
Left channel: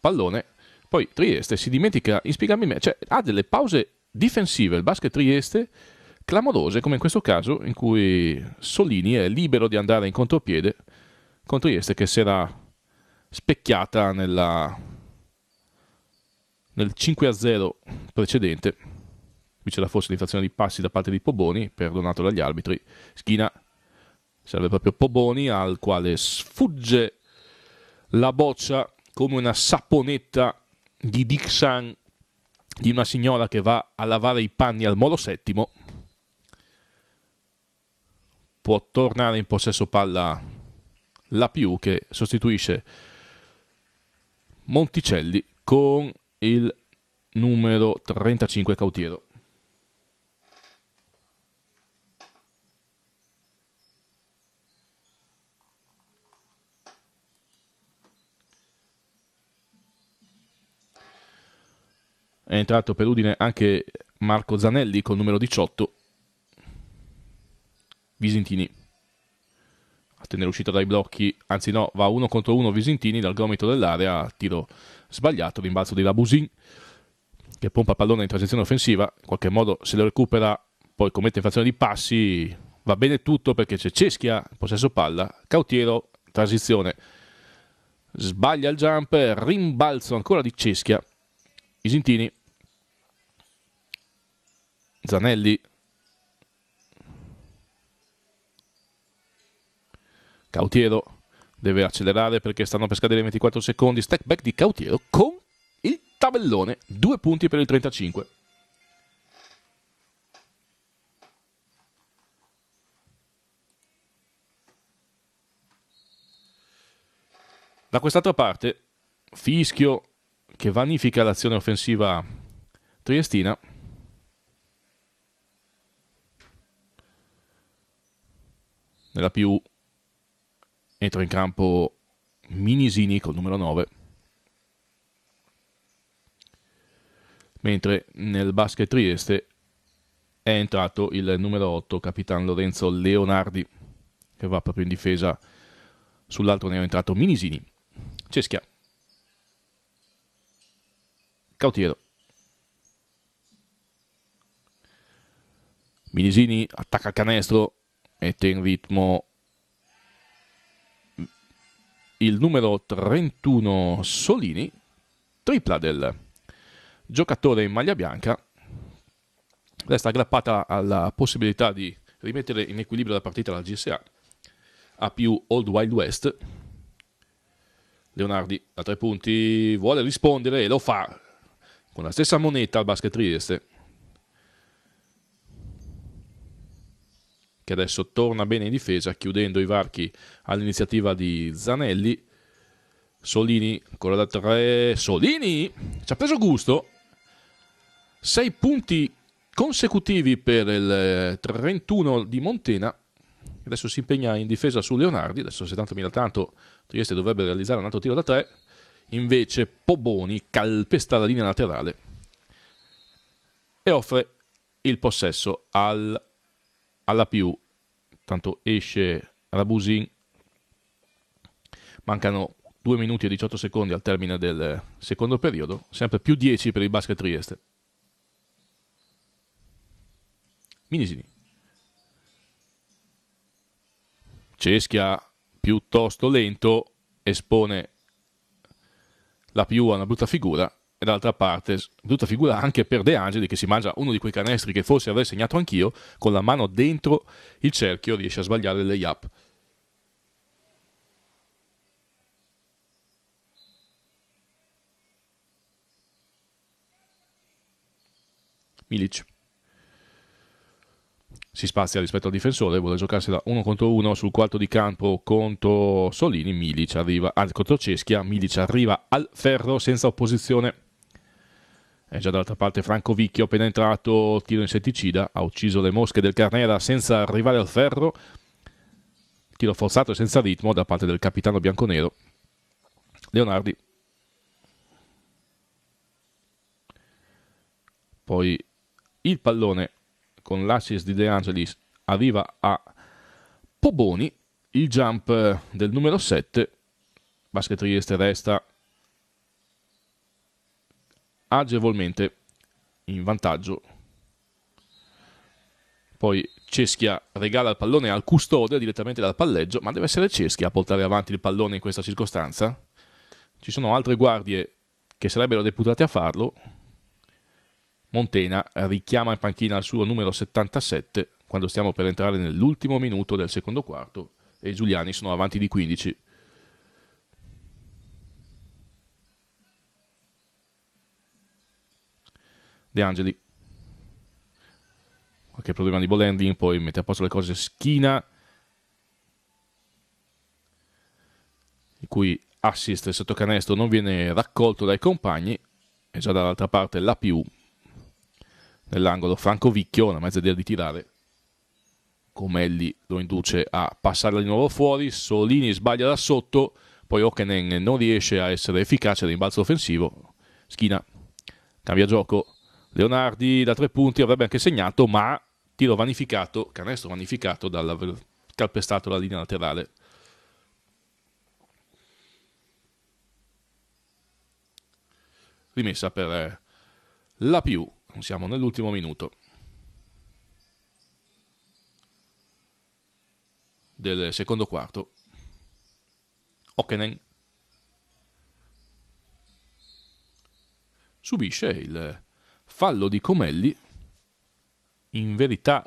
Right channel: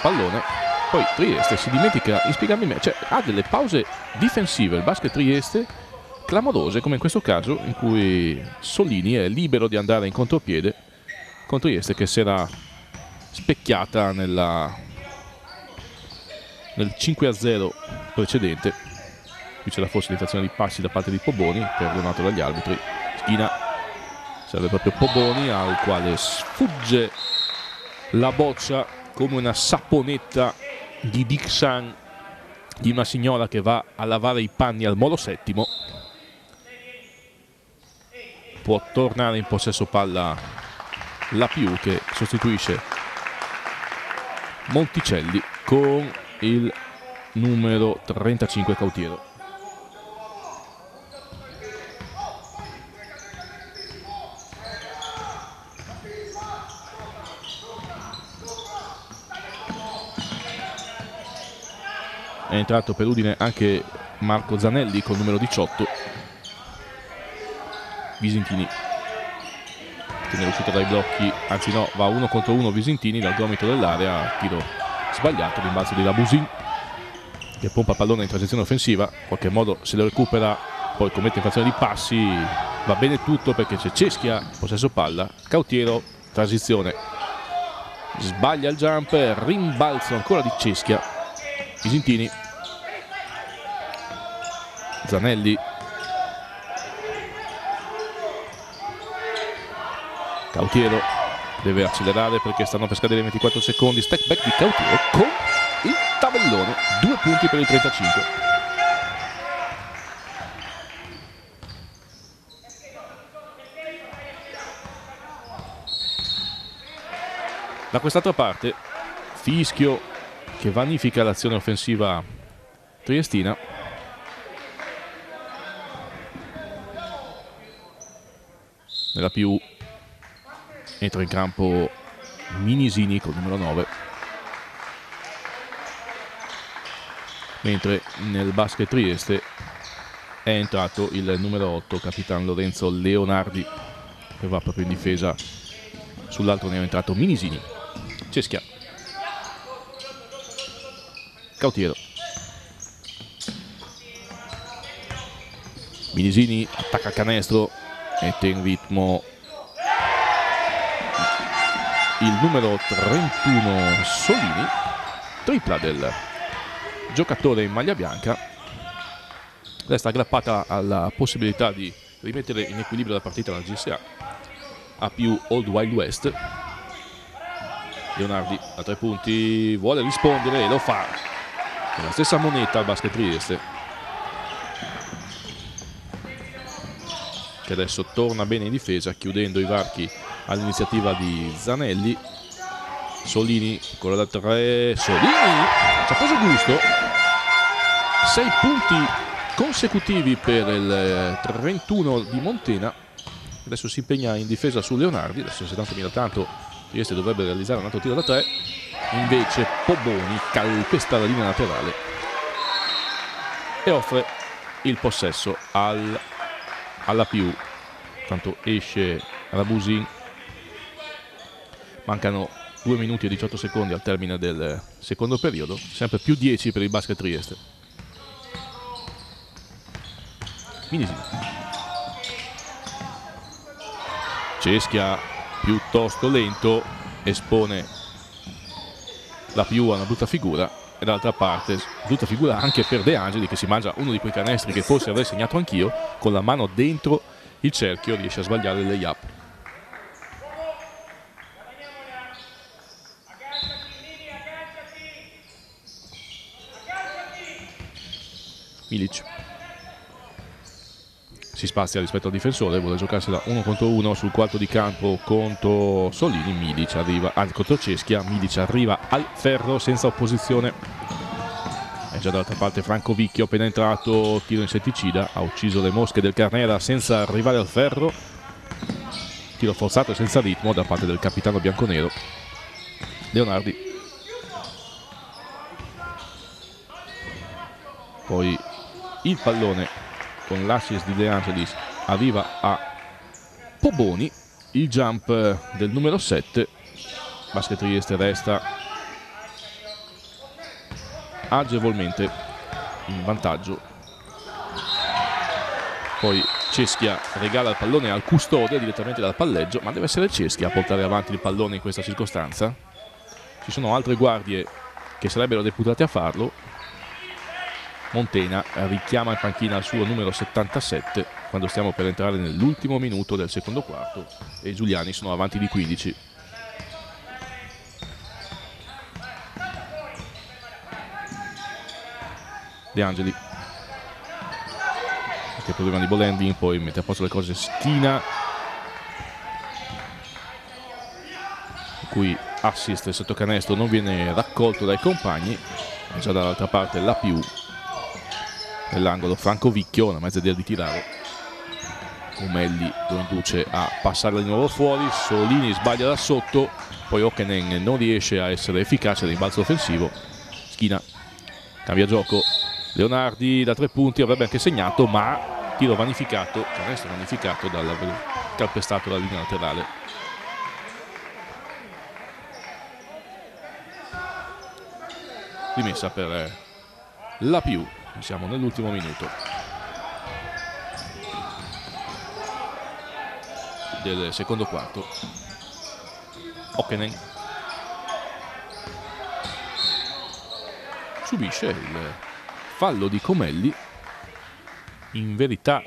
pallone. Poi Trieste si dimentica inspiegabilmente, cioè ha delle pause difensive il Basket Trieste clamorose, come in questo caso in cui Solini è libero di andare in contropiede con Trieste che si era specchiata nel 5-0 precedente. Qui c'era forse l'infrazione di passi da parte di Poboni, perdonato dagli arbitri. Schina, serve proprio Poboni, al quale sfugge la boccia come una saponetta di Dixan di una signora che va a lavare i panni al Molo Settimo. Può tornare in possesso palla la più, che sostituisce Monticelli con il numero 35 Cautiero. È entrato per Udine anche Marco Zanelli col numero 18. Visintini tiene l'uscita dai blocchi, anzi no, va 1 contro 1 Visintini dal gomito dell'area, tiro sbagliato, rimbalzo di Rabusin che pompa pallone in transizione offensiva, in qualche modo se lo recupera, poi commette infrazione di passi, va bene tutto perché c'è Ceschia, possesso palla, Cautiero, transizione, sbaglia il jump, rimbalzo ancora di Ceschia, Visintini, Zanelli, Cautiero deve accelerare perché stanno per scadere 24 secondi, step back di Cautiero con il tabellone, 2 punti per il 35. Da quest'altra parte fischio che vanifica l'azione offensiva triestina. Nella più entra in campo Minisini col numero 9, mentre nel Basket Trieste è entrato il numero 8 Capitan Lorenzo Leonardi, che va proprio in difesa. Sull'altro ne è entrato Minisini. Ceschia, Cautiero, Minisini attacca il canestro, mette in ritmo il numero 31 Solini, tripla del giocatore in maglia bianca, resta aggrappata alla possibilità di rimettere in equilibrio la partita la GSA. A più Old Wild West. Leonardi a 3 punti vuole rispondere e lo fa con la stessa moneta al Basket Trieste, che adesso torna bene in difesa chiudendo i varchi all'iniziativa di Zanelli. Solini ancora da 3, Solini ci ha preso gusto, 6 punti consecutivi per il 31 di Montena. Adesso si impegna in difesa su Leonardi, adesso 70.000 tanto Trieste dovrebbe realizzare un altro tiro da 3, invece Poboni calpesta la linea laterale e offre il possesso alla più. Tanto esce Rabusin, mancano 2 minuti e 18 secondi al termine del secondo periodo, sempre più 10 per il Basket Trieste. Minisini, Ceschia piuttosto lento, espone la più a una brutta figura, e dall'altra parte brutta figura anche per De Angeli, che si mangia uno di quei canestri che forse avrei segnato anch'io, con la mano dentro il cerchio riesce a sbagliare il layup. Milic si spazia rispetto al difensore, vuole giocarsela 1 contro 1 sul quarto di campo contro Solini. Milic arriva, contro Ceschia, Milic arriva al ferro senza opposizione. E già dall'altra parte Franco Vicchio, appena entrato, tiro insetticida, ha ucciso le mosche del Carnera senza arrivare al ferro. Tiro forzato e senza ritmo da parte del capitano bianconero. Leonardi, poi il pallone con l'assist di De Angelis arriva a Poboni, il jump del numero 7. Basket Trieste resta agevolmente in vantaggio. Poi Ceschia regala il pallone al custode direttamente dal palleggio, ma deve essere Ceschia a portare avanti il pallone in questa circostanza. Ci sono altre guardie che sarebbero deputate a farlo. Montena richiama in panchina il suo numero 77 quando stiamo per entrare nell'ultimo minuto del secondo quarto e i giuliani sono avanti di 15. De Angeli, che problema di ball handling, poi mette a posto le cose Schina, in cui assist sotto canestro non viene raccolto dai compagni, e già dall'altra parte la più nell'angolo Franco Vicchio, una mezza idea di tirare. Comelli lo induce a passare di nuovo fuori, Solini sbaglia da sotto, poi Okenen non riesce a essere efficace al rimbalzo offensivo. Schina cambia gioco, Leonardi da 3 punti avrebbe anche segnato, ma tiro vanificato, canestro vanificato dall'aver calpestato la linea laterale. Rimessa per la più. Siamo nell'ultimo minuto del secondo quarto. Okenen subisce il fallo di Comelli, in verità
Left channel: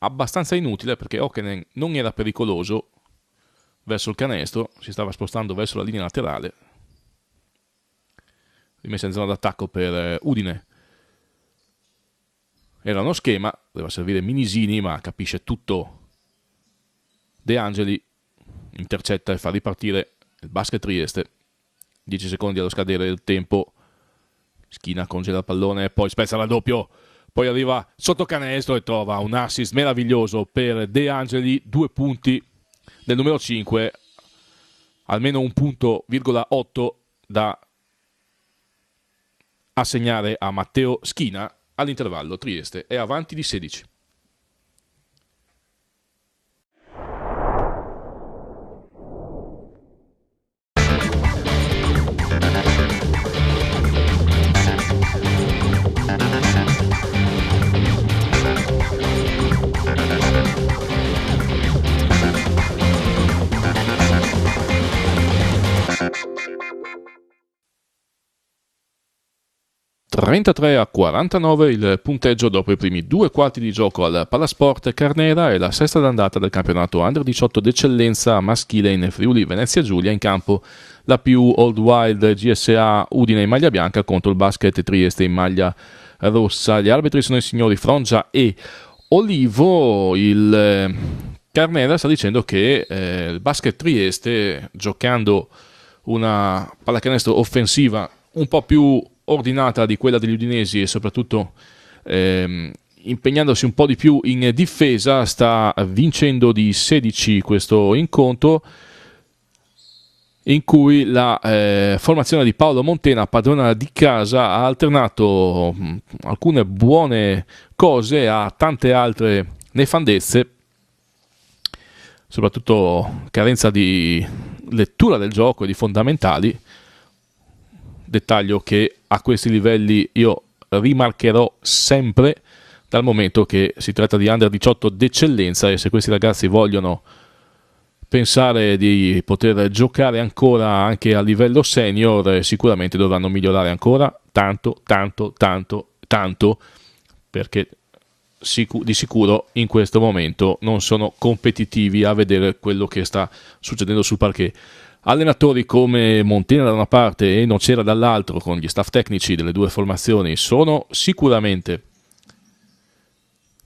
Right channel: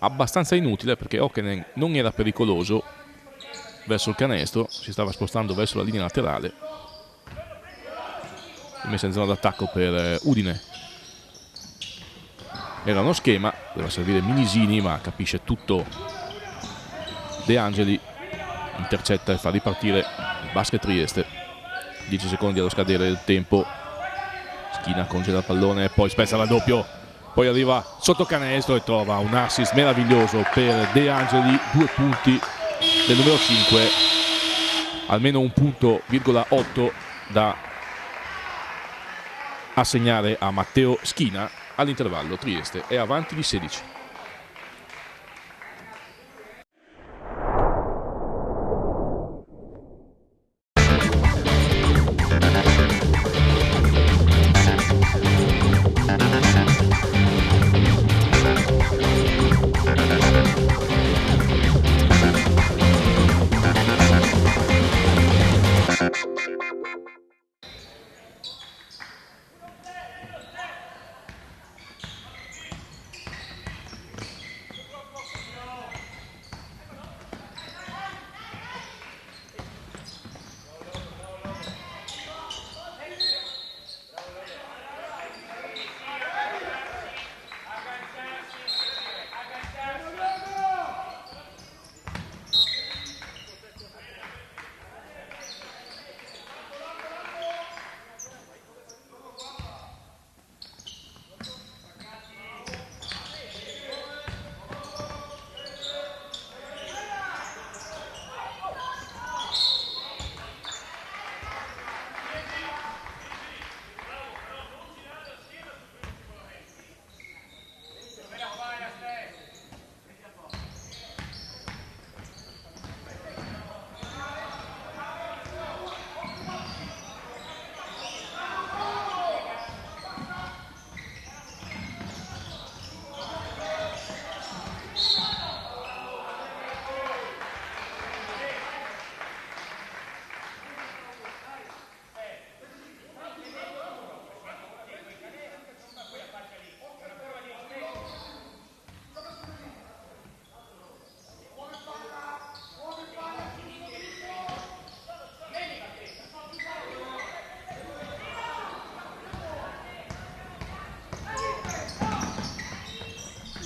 abbastanza inutile perché Okenen non era pericoloso verso il canestro, si stava spostando verso la linea laterale. Rimessa in zona d'attacco per Udine. Era uno schema, doveva servire Minisini, ma capisce tutto De Angeli, intercetta e fa ripartire il Basket Trieste. 10 secondi allo scadere del tempo. Schina congela il pallone, poi spezza il raddoppio, poi arriva sotto canestro e trova un assist meraviglioso per De Angeli, 2 punti del numero 5, almeno 1,8 punti da assegnare a Matteo Schina. All'intervallo Trieste è avanti di 16. 33-49 il punteggio dopo i primi 2 quarti di gioco al Palasport Carnera e la sesta d'andata del campionato Under 18 d'eccellenza maschile in Friuli Venezia Giulia. In campo la più Old Wild GSA Udine in maglia bianca contro il Basket Trieste in maglia rossa. Gli arbitri sono i signori Frongia e Olivo. Il Carnera sta dicendo che il Basket Trieste, giocando una pallacanestro offensiva un po' più ordinata di quella degli udinesi e soprattutto impegnandosi un po' di più in difesa, sta vincendo di 16 questo incontro, in cui la formazione di Paolo Montena, padrona di casa, ha alternato alcune buone cose a tante altre nefandezze, soprattutto carenza di lettura del gioco e di fondamentali, dettaglio che a questi livelli io rimarcherò sempre, dal momento che si tratta di Under 18 d'eccellenza e se questi ragazzi vogliono pensare di poter giocare ancora anche a livello senior, sicuramente dovranno migliorare ancora tanto, perché di sicuro in questo momento non sono competitivi a vedere quello che sta succedendo sul parquet. Allenatori come Montena da una parte e Nocera dall'altro, con gli staff tecnici delle due formazioni, sono sicuramente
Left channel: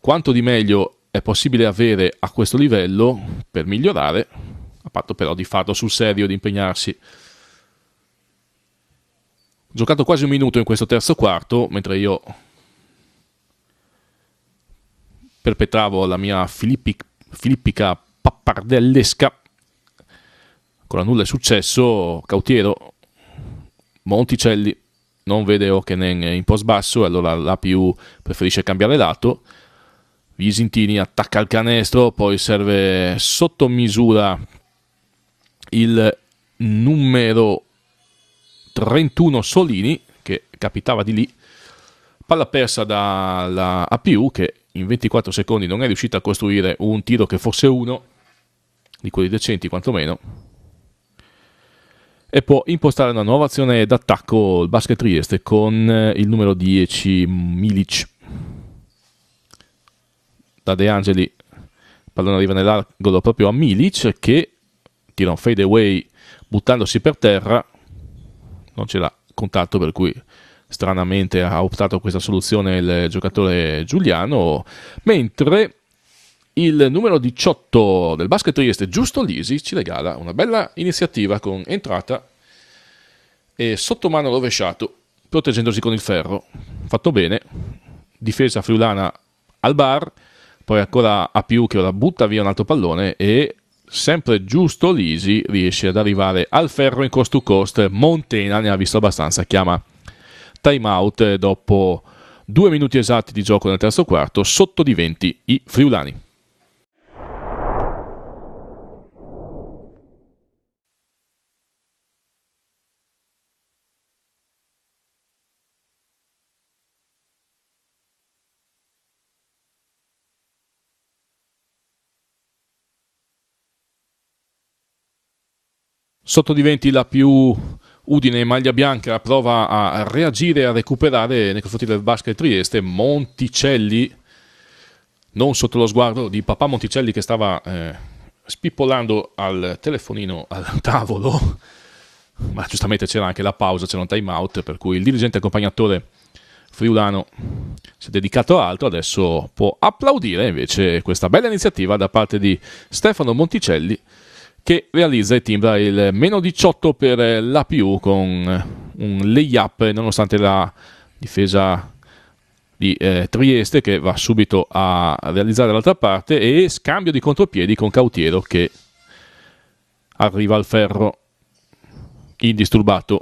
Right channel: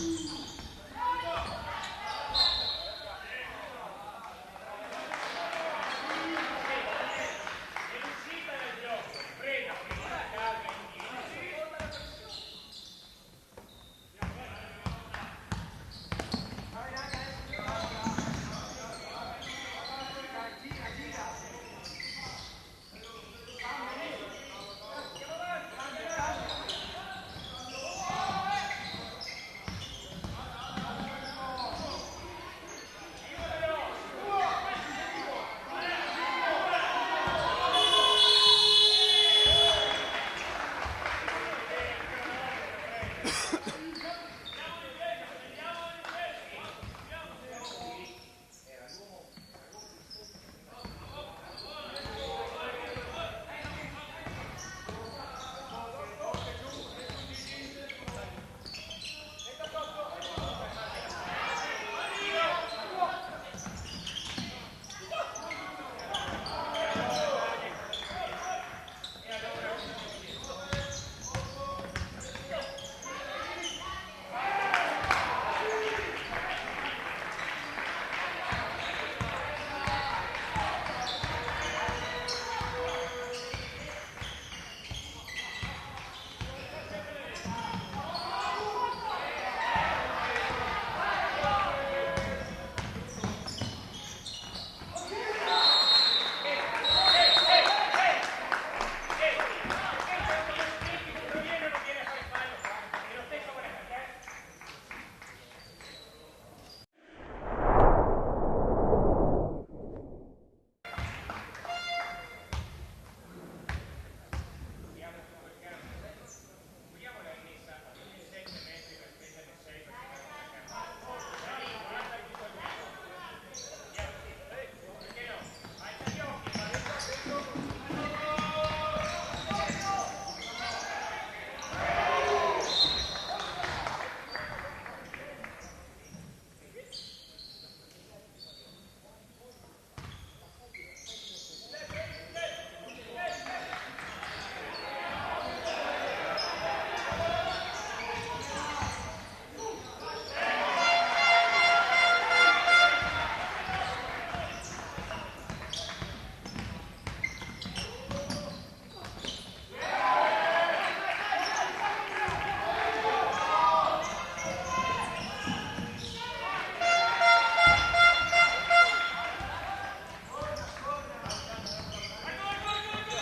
quanto di meglio è possibile avere a questo livello per migliorare, a patto però di farlo sul serio, di impegnarsi. Giocato quasi un minuto in questo terzo quarto, mentre io perpetravo la mia filippica pappardellesca. Con la nulla è successo. Cautiero, Monticelli non vede Okenen in post basso e allora la più preferisce cambiare lato. Visintini attacca il canestro, poi serve sotto misura il numero 31 Solini, che capitava di lì. Palla persa dalla APU, che in 24 secondi non è riuscita a costruire un tiro che fosse uno di quelli decenti quantomeno, e può impostare una nuova azione d'attacco il Basket Trieste con il numero 10 Milic. Da De Angeli il pallone arriva nell'angolo proprio a Milic, che tira un fade away buttandosi per terra, non c'era contatto, per cui stranamente ha optato per questa soluzione il giocatore giuliano, mentre il numero 18 del Basket Trieste, Giusto Lisi, ci regala una bella iniziativa con entrata e sottomano rovesciato, proteggendosi con il ferro. Fatto bene, difesa friulana al bar, poi ancora APU che ora butta via un altro pallone e sempre Giusto Lisi riesce ad arrivare al ferro in coast to coast. Montena ne ha visto abbastanza, chiama time out dopo 2 minuti esatti di gioco nel terzo quarto, sotto di 20 i friulani. Sotto di 20 la più Udine in maglia bianca prova a reagire e a recuperare nei confronti del Basket Trieste. Monticelli non sotto lo sguardo di papà Monticelli, che stava spippolando al telefonino al tavolo, ma giustamente c'era anche la pausa, c'era un time out, per cui il dirigente accompagnatore friulano si è dedicato a altro. Adesso può applaudire invece questa bella iniziativa da parte di Stefano Monticelli, che realizza e timbra il meno 18 per l'APU con un layup, nonostante la difesa di Trieste, che va subito a realizzare dall'altra parte, e scambio di contropiedi con Cautiero, che arriva al ferro indisturbato.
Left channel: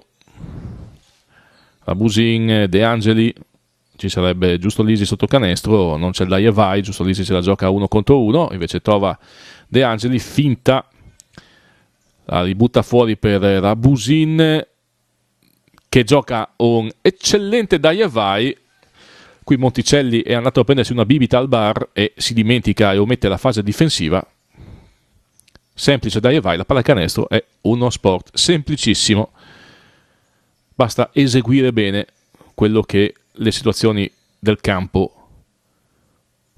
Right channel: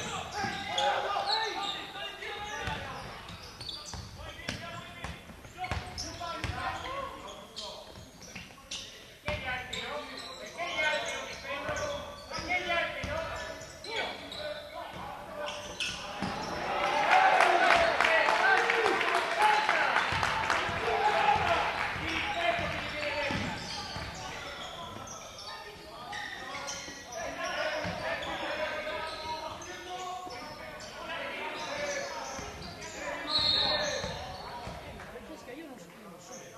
Rabusin, De Angeli, ci sarebbe Giusto Lisi sotto canestro, non c'è il dai e vai, Giusto Lisi se la gioca 1 contro 1, invece trova De Angeli, finta, la ributta fuori per Rabusin, che gioca un eccellente dai e vai. Qui Monticelli è andato a prendersi una bibita al bar e si dimentica e omette la fase difensiva. Semplice dai e vai, la pallacanestro è uno sport semplicissimo, basta eseguire bene quello che le situazioni del campo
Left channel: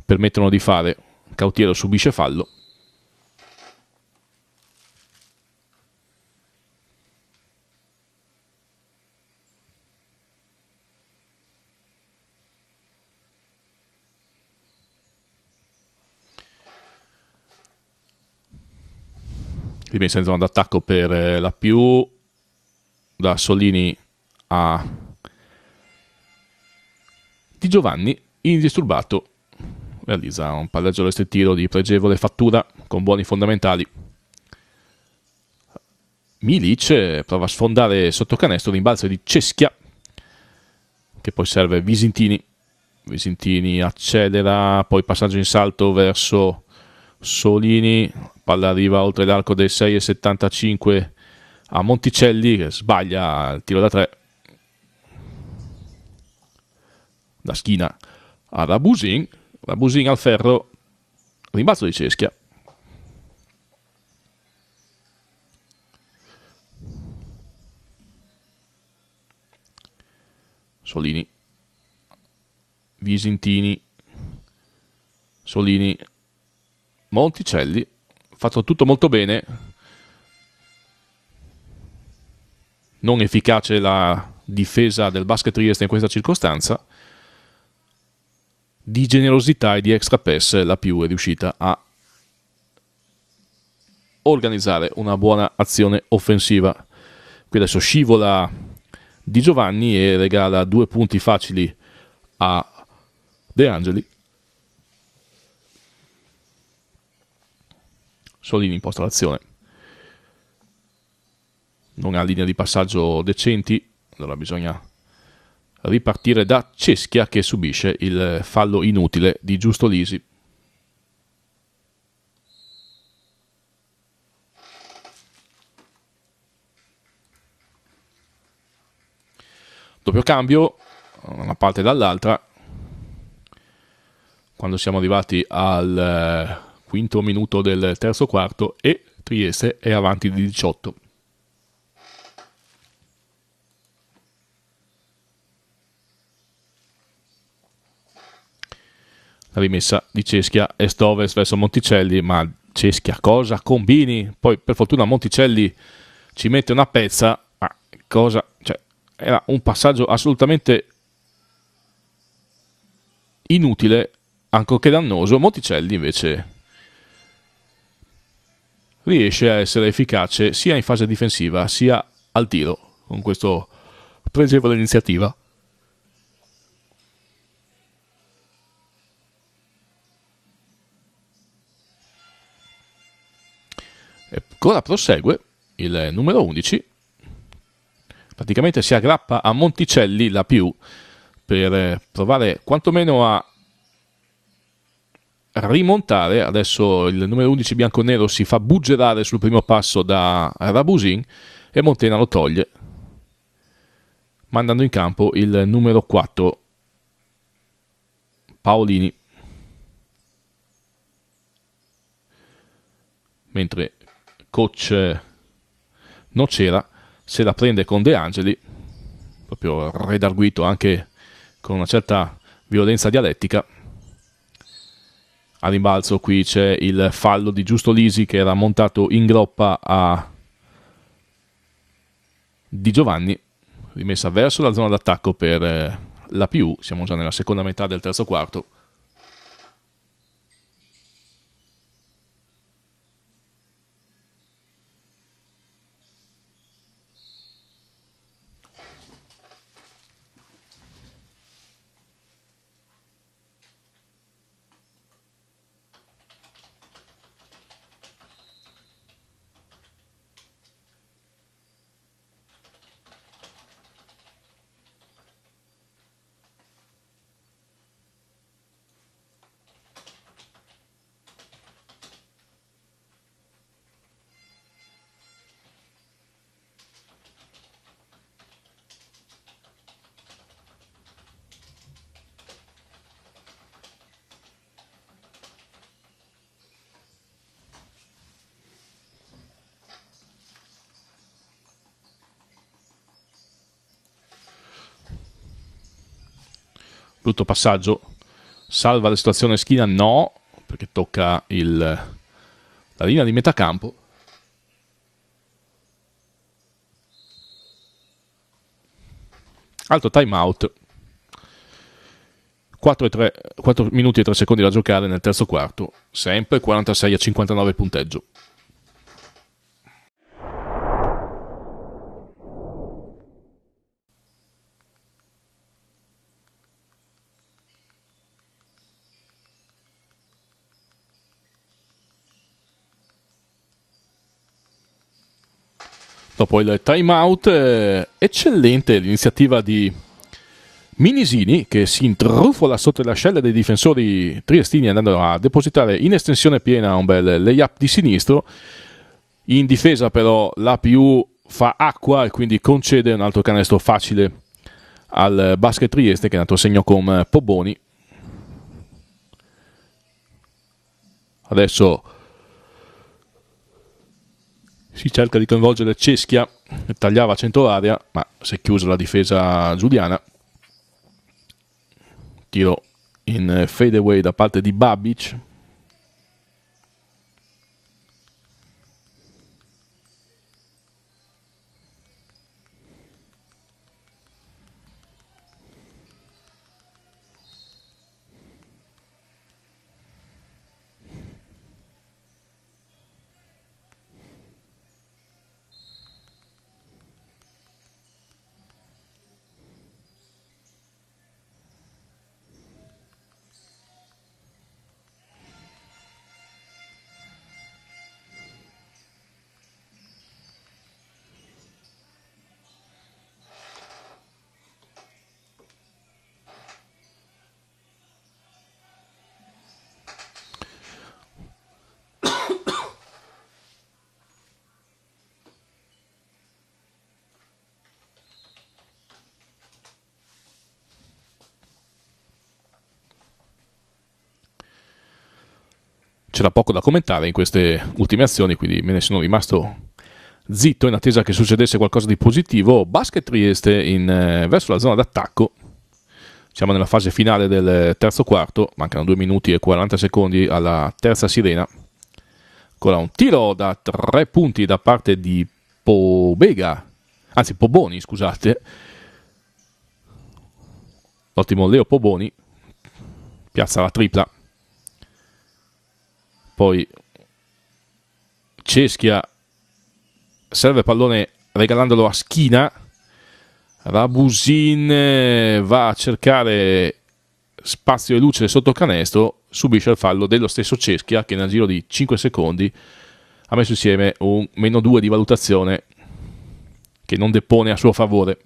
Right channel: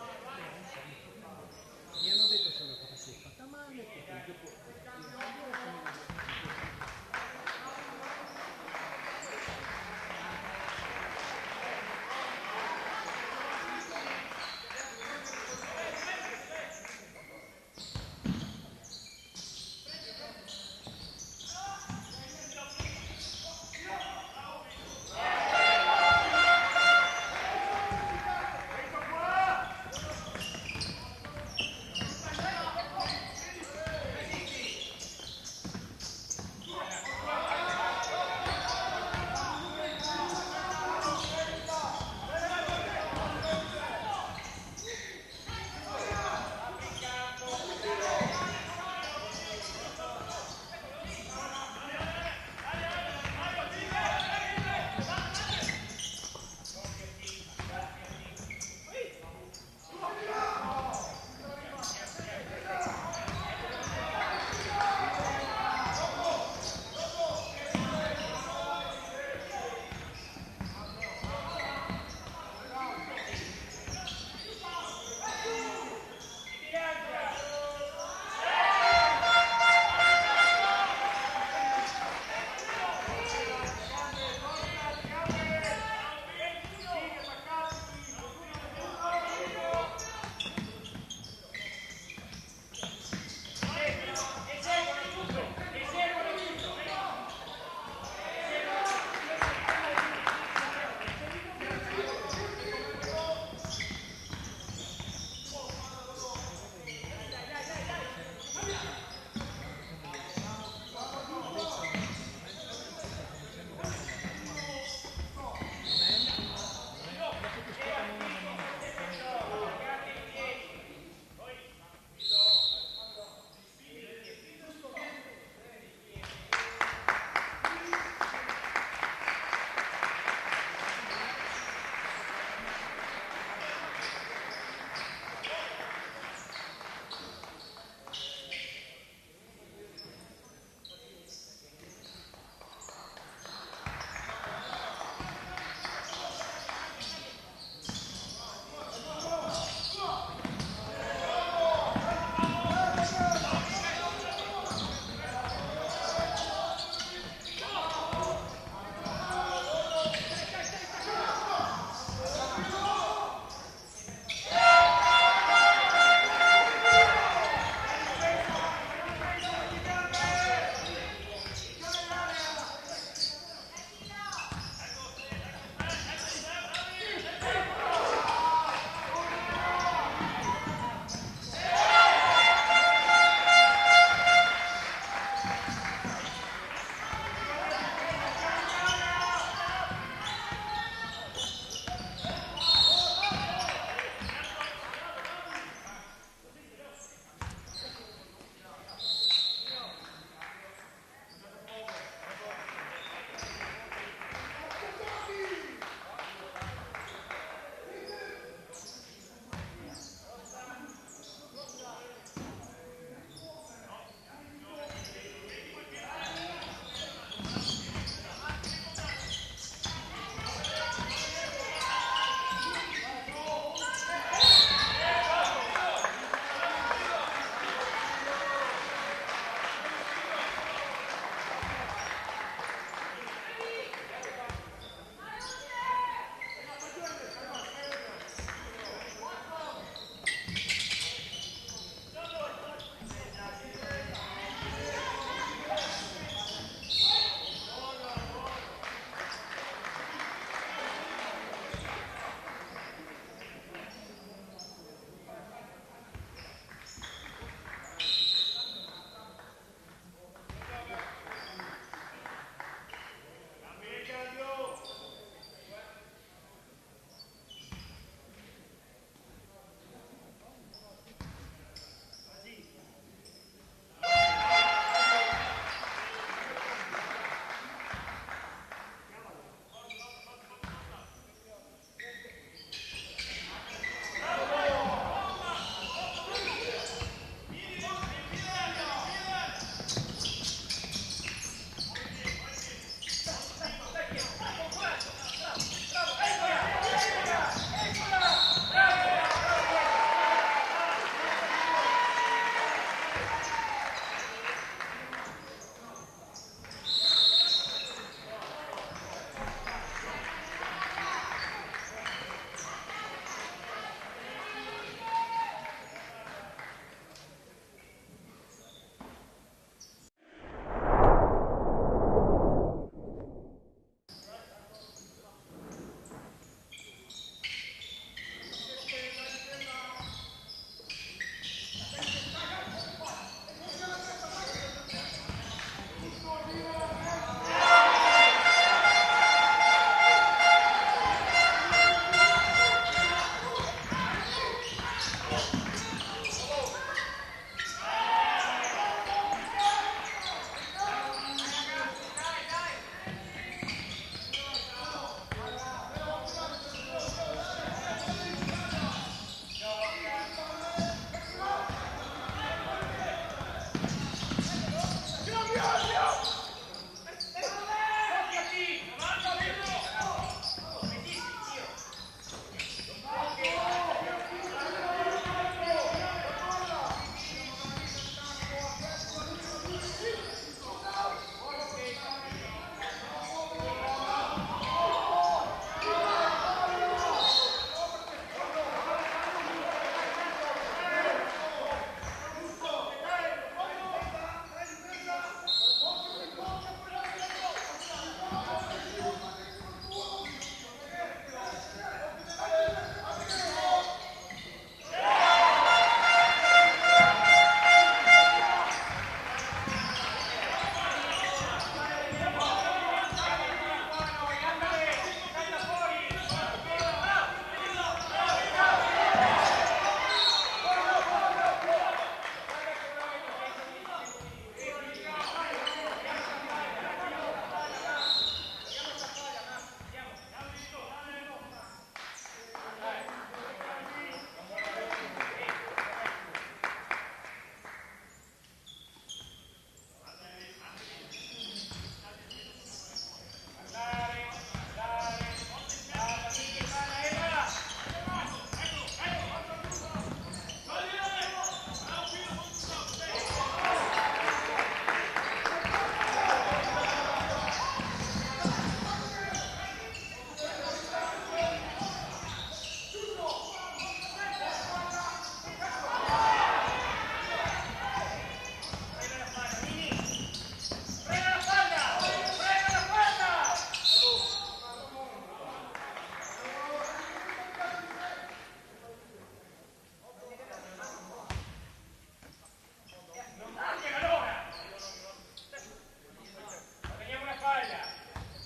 permettono di fare. Cautiero subisce fallo. Rimessa in zona d'attacco per la più, da Solini a Di Giovanni, indisturbato, realizza un palleggio restrittivo di pregevole fattura con buoni fondamentali. Milic prova a sfondare sotto canestro, rimbalzo di Ceschia che poi serve Visintini. Visintini accelera, poi passaggio in salto verso Solini, palla arriva oltre l'arco del 6,75 a Monticelli che sbaglia il tiro da 3. Da schina a Rabusin, Rabusin al ferro, rimbalzo di Ceschia. Solini, Visintini, Solini, Monticelli, fatto tutto molto bene. Non efficace la difesa del Basket Trieste in questa circostanza. Di generosità e di extra pass la più è riuscita a organizzare una buona azione offensiva. Qui adesso scivola Di Giovanni e regala 2 punti facili a De Angeli. Solini imposta l'azione, non ha linea di passaggio decenti, allora bisogna ripartire da Ceschia che subisce il fallo inutile di Giusto Lisi. Doppio cambio, una parte dall'altra, quando siamo arrivati al quinto minuto del terzo quarto e Trieste è avanti di 18. Rimessa di Ceschia est-ovest verso Monticelli, ma Ceschia cosa combini? Poi per fortuna Monticelli ci mette una pezza, ma cosa? Cioè, era un passaggio assolutamente inutile, ancorché dannoso. Monticelli invece riesce a essere efficace sia in fase difensiva sia al tiro con questa pregevole iniziativa. Ancora prosegue il numero 11, praticamente si aggrappa a Monticelli la più per provare quantomeno a rimontare. Adesso il numero 11 bianconero si fa buggerare sul primo passo da Rabusin e Montena lo toglie, mandando in campo il numero 4 Paolini, mentre coach Nocera se la prende con De Angeli, proprio redarguito anche con una certa violenza dialettica. A rimbalzo qui c'è il fallo di Giusto Lisi che era montato in groppa a Di Giovanni, rimessa verso la zona d'attacco per la più. Siamo già nella seconda metà del terzo quarto. brutto passaggio, salva la situazione Schiena, no, perché tocca la linea di metà campo. Altro time out, 4 minuti e 3 secondi da giocare nel terzo quarto, sempre 46-59 il punteggio. Dopo il time out, eccellente l'iniziativa di Minisini, che si intrufola sotto le ascelle dei difensori triestini andando a depositare in estensione piena un bel layup di sinistro. In difesa però l'APU fa acqua e quindi concede un altro canestro facile al Basket Trieste, che è andato a segno con Poboni. Adesso si cerca di coinvolgere Ceschia, che tagliava a centro area, ma si è chiusa la difesa giuliana. Tiro in fade away da parte di Babic. C'era poco da commentare in queste ultime azioni, quindi me ne sono rimasto zitto in attesa che succedesse qualcosa di positivo. Basket Trieste verso la zona d'attacco. Siamo nella fase finale del terzo quarto, mancano 2 minuti e 40 secondi alla terza sirena. Ancora un tiro da 3 punti da parte di Poboni, scusate. Ottimo Leo Poboni, piazza la tripla. Poi Ceschia serve pallone regalandolo a Schiena. Rabusin va a cercare spazio e luce sotto canestro, subisce il fallo dello stesso Ceschia, che nel giro di 5 secondi ha messo insieme un -2 di valutazione che non depone a suo favore.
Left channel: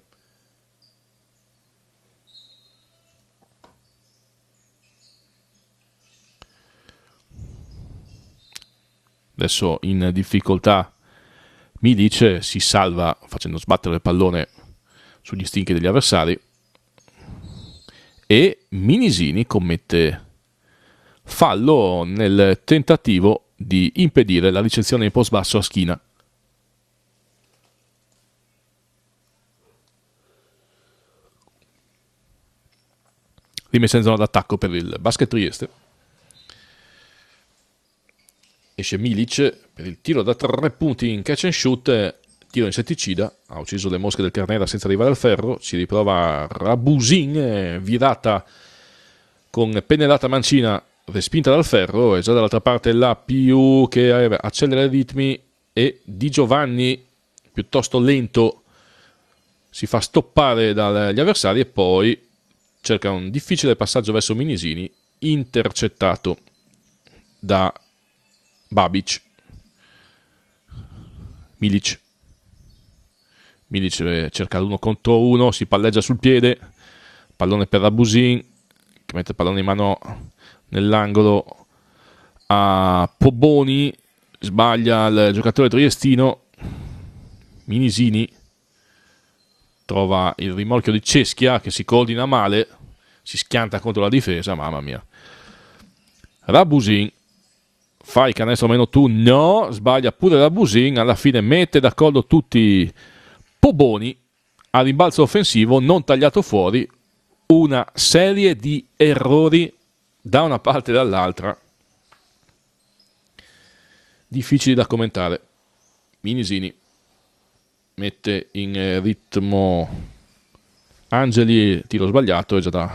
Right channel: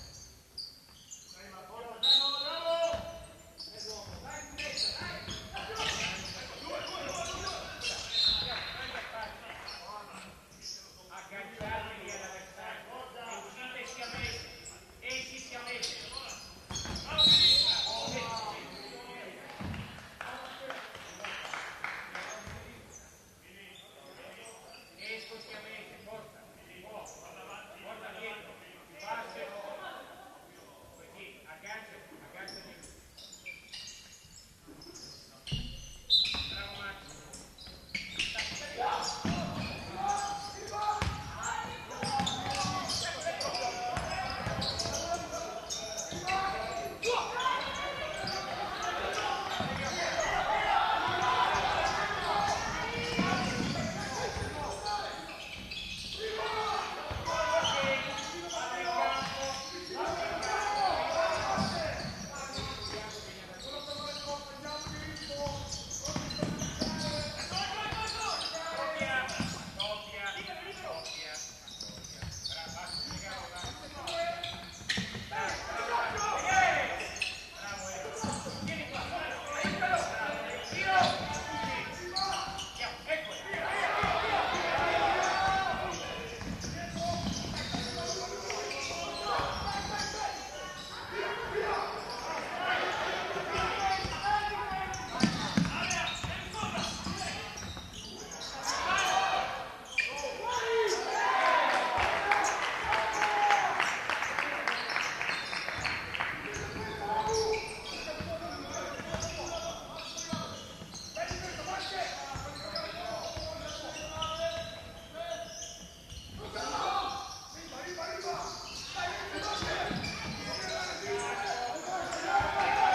Adesso in difficoltà Milic, si salva facendo sbattere il pallone sugli stinchi degli avversari, e Minisini commette fallo nel tentativo di impedire la ricezione in post basso a Schiena. Rimessa in zona d'attacco per il Basket Trieste. Esce Milic, il tiro da 3 punti in catch and shoot, tiro insetticida, ha ucciso le mosche del Carnera senza arrivare al ferro. Si riprova Rabusin, virata con pennellata mancina, respinta dal ferro, e già dall'altra parte la PU che accelera i ritmi, e Di Giovanni, piuttosto lento, si fa stoppare dagli avversari e poi cerca un difficile passaggio verso Minisini, intercettato da Babic. Milic cerca l'1 contro 1, si palleggia sul piede, pallone per Rabusin, che mette il pallone in mano nell'angolo a Poboni, sbaglia il giocatore triestino. Minisini trova il rimorchio di Ceschia, che si coordina male, si schianta contro la difesa, mamma mia. Rabusin fa il canestro -2, no, sbaglia pure Rabusin, alla fine mette d'accordo tutti Poboni, a rimbalzo offensivo non tagliato fuori, una serie di errori da una parte e dall'altra, difficili da commentare. Minisini mette in ritmo Angeli, tiro sbagliato, è già da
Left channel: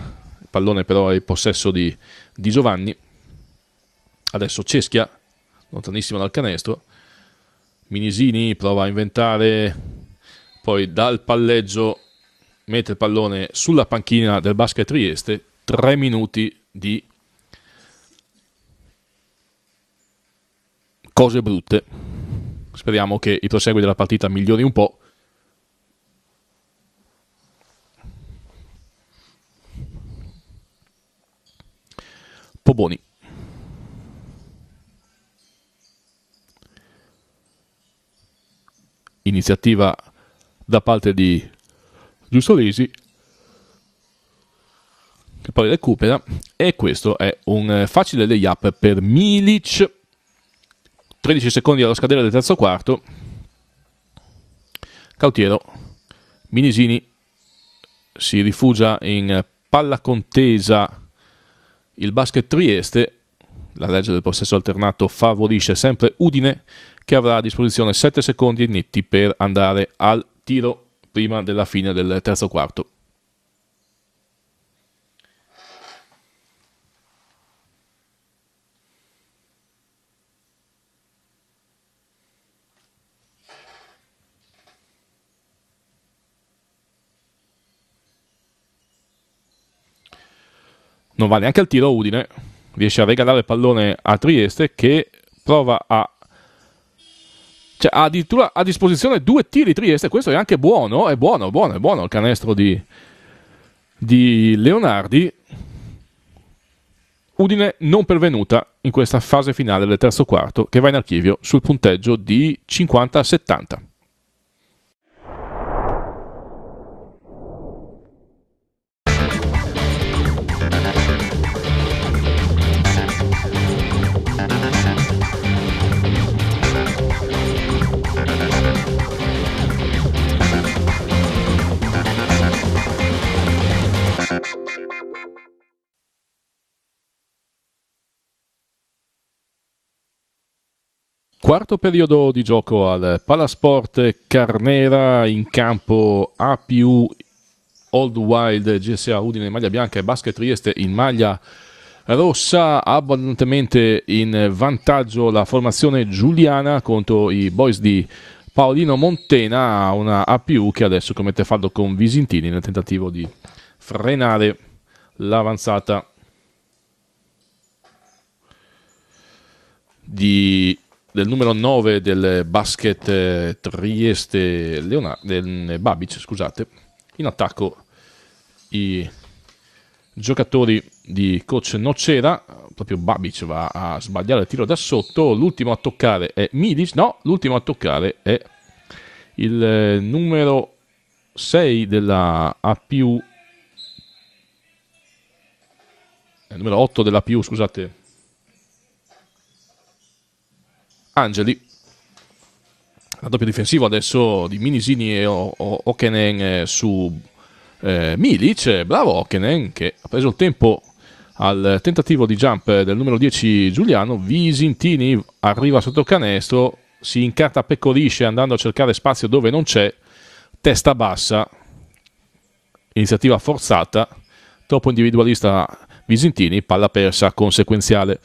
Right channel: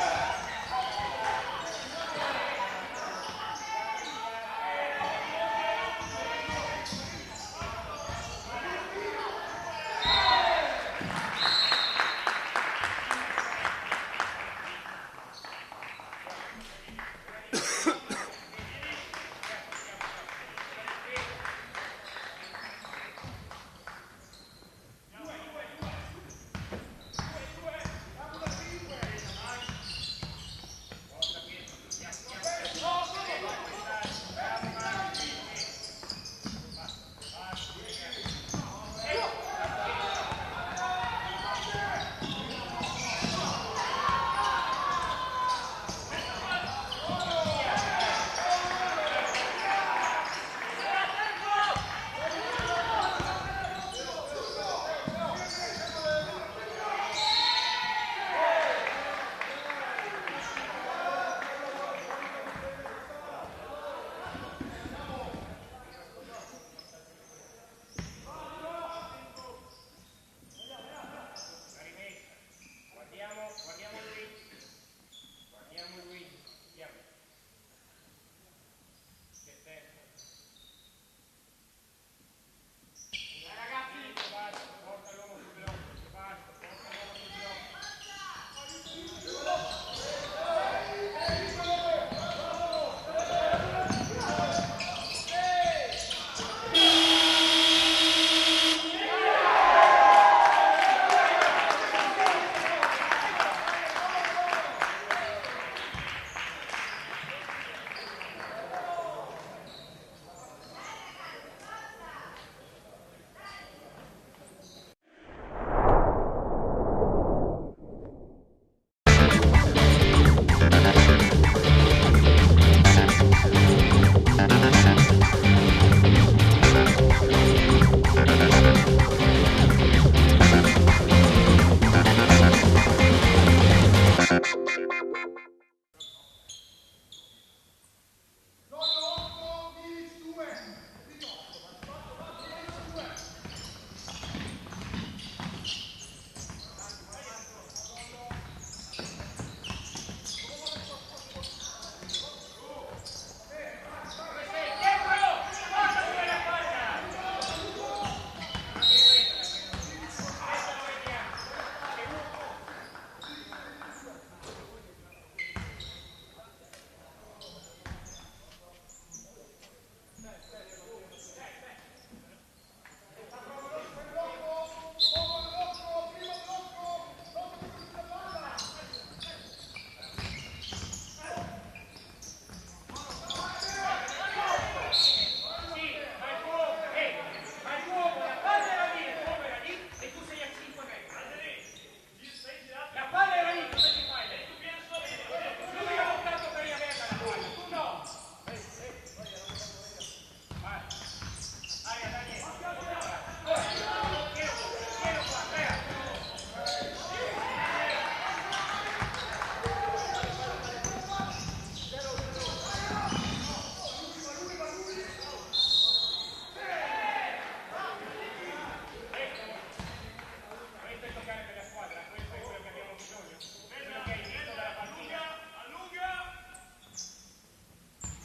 pallone, però è in possesso di Giovanni. Adesso Ceschia, lontanissimo dal canestro. Minisini prova a inventare, poi dal palleggio mette il pallone sulla panchina del Basket Trieste. 3 minuti di cose brutte. Speriamo che il proseguo della partita migliori un po'. Poboni. Iniziativa da parte di Giustolesi, che poi recupera, e questo è un facile layup per Milic. 13 secondi allo scadere del terzo quarto. Cautiero. Minisini si rifugia in palla contesa il Basket Trieste. La legge del possesso alternato favorisce sempre Udine, che avrà a disposizione 7 secondi netti per andare al tiro prima della fine del terzo quarto. Non va neanche al tiro Udine, riesce a regalare il pallone a Trieste, che prova a... cioè ha addirittura a disposizione 2 tiri Trieste. Questo è anche buono, è buono il canestro di Leonardi. Udine non pervenuta in questa fase finale del terzo quarto, che va in archivio sul punteggio di 50-70. Quarto periodo di gioco al Palasport Carnera, in campo APU Old Wild GSA Udine in maglia bianca e Basket Trieste in maglia rossa. Abbondantemente in vantaggio la formazione giuliana contro i boys di Paolino Montena, una APU che adesso commette fallo con Visintini nel tentativo di frenare l'avanzata del numero 9 del Basket Trieste, del Babic, scusate. In attacco i giocatori di coach Nocera. Proprio Babic va a sbagliare il tiro da sotto. L'ultimo a toccare è Midis. No, l'ultimo a toccare è il numero 6 della APU, il numero 8 della APU, scusate, Angeli. Raddoppio difensivo adesso di Minisini e Okenen su Milic. Bravo Okenen, che ha preso il tempo al tentativo di jump del numero 10 Giuliano. Visintini arriva sotto canestro, si incarta, pecorisce andando a cercare spazio dove non c'è, testa bassa, iniziativa forzata, troppo individualista Visintini, palla persa conseguenziale.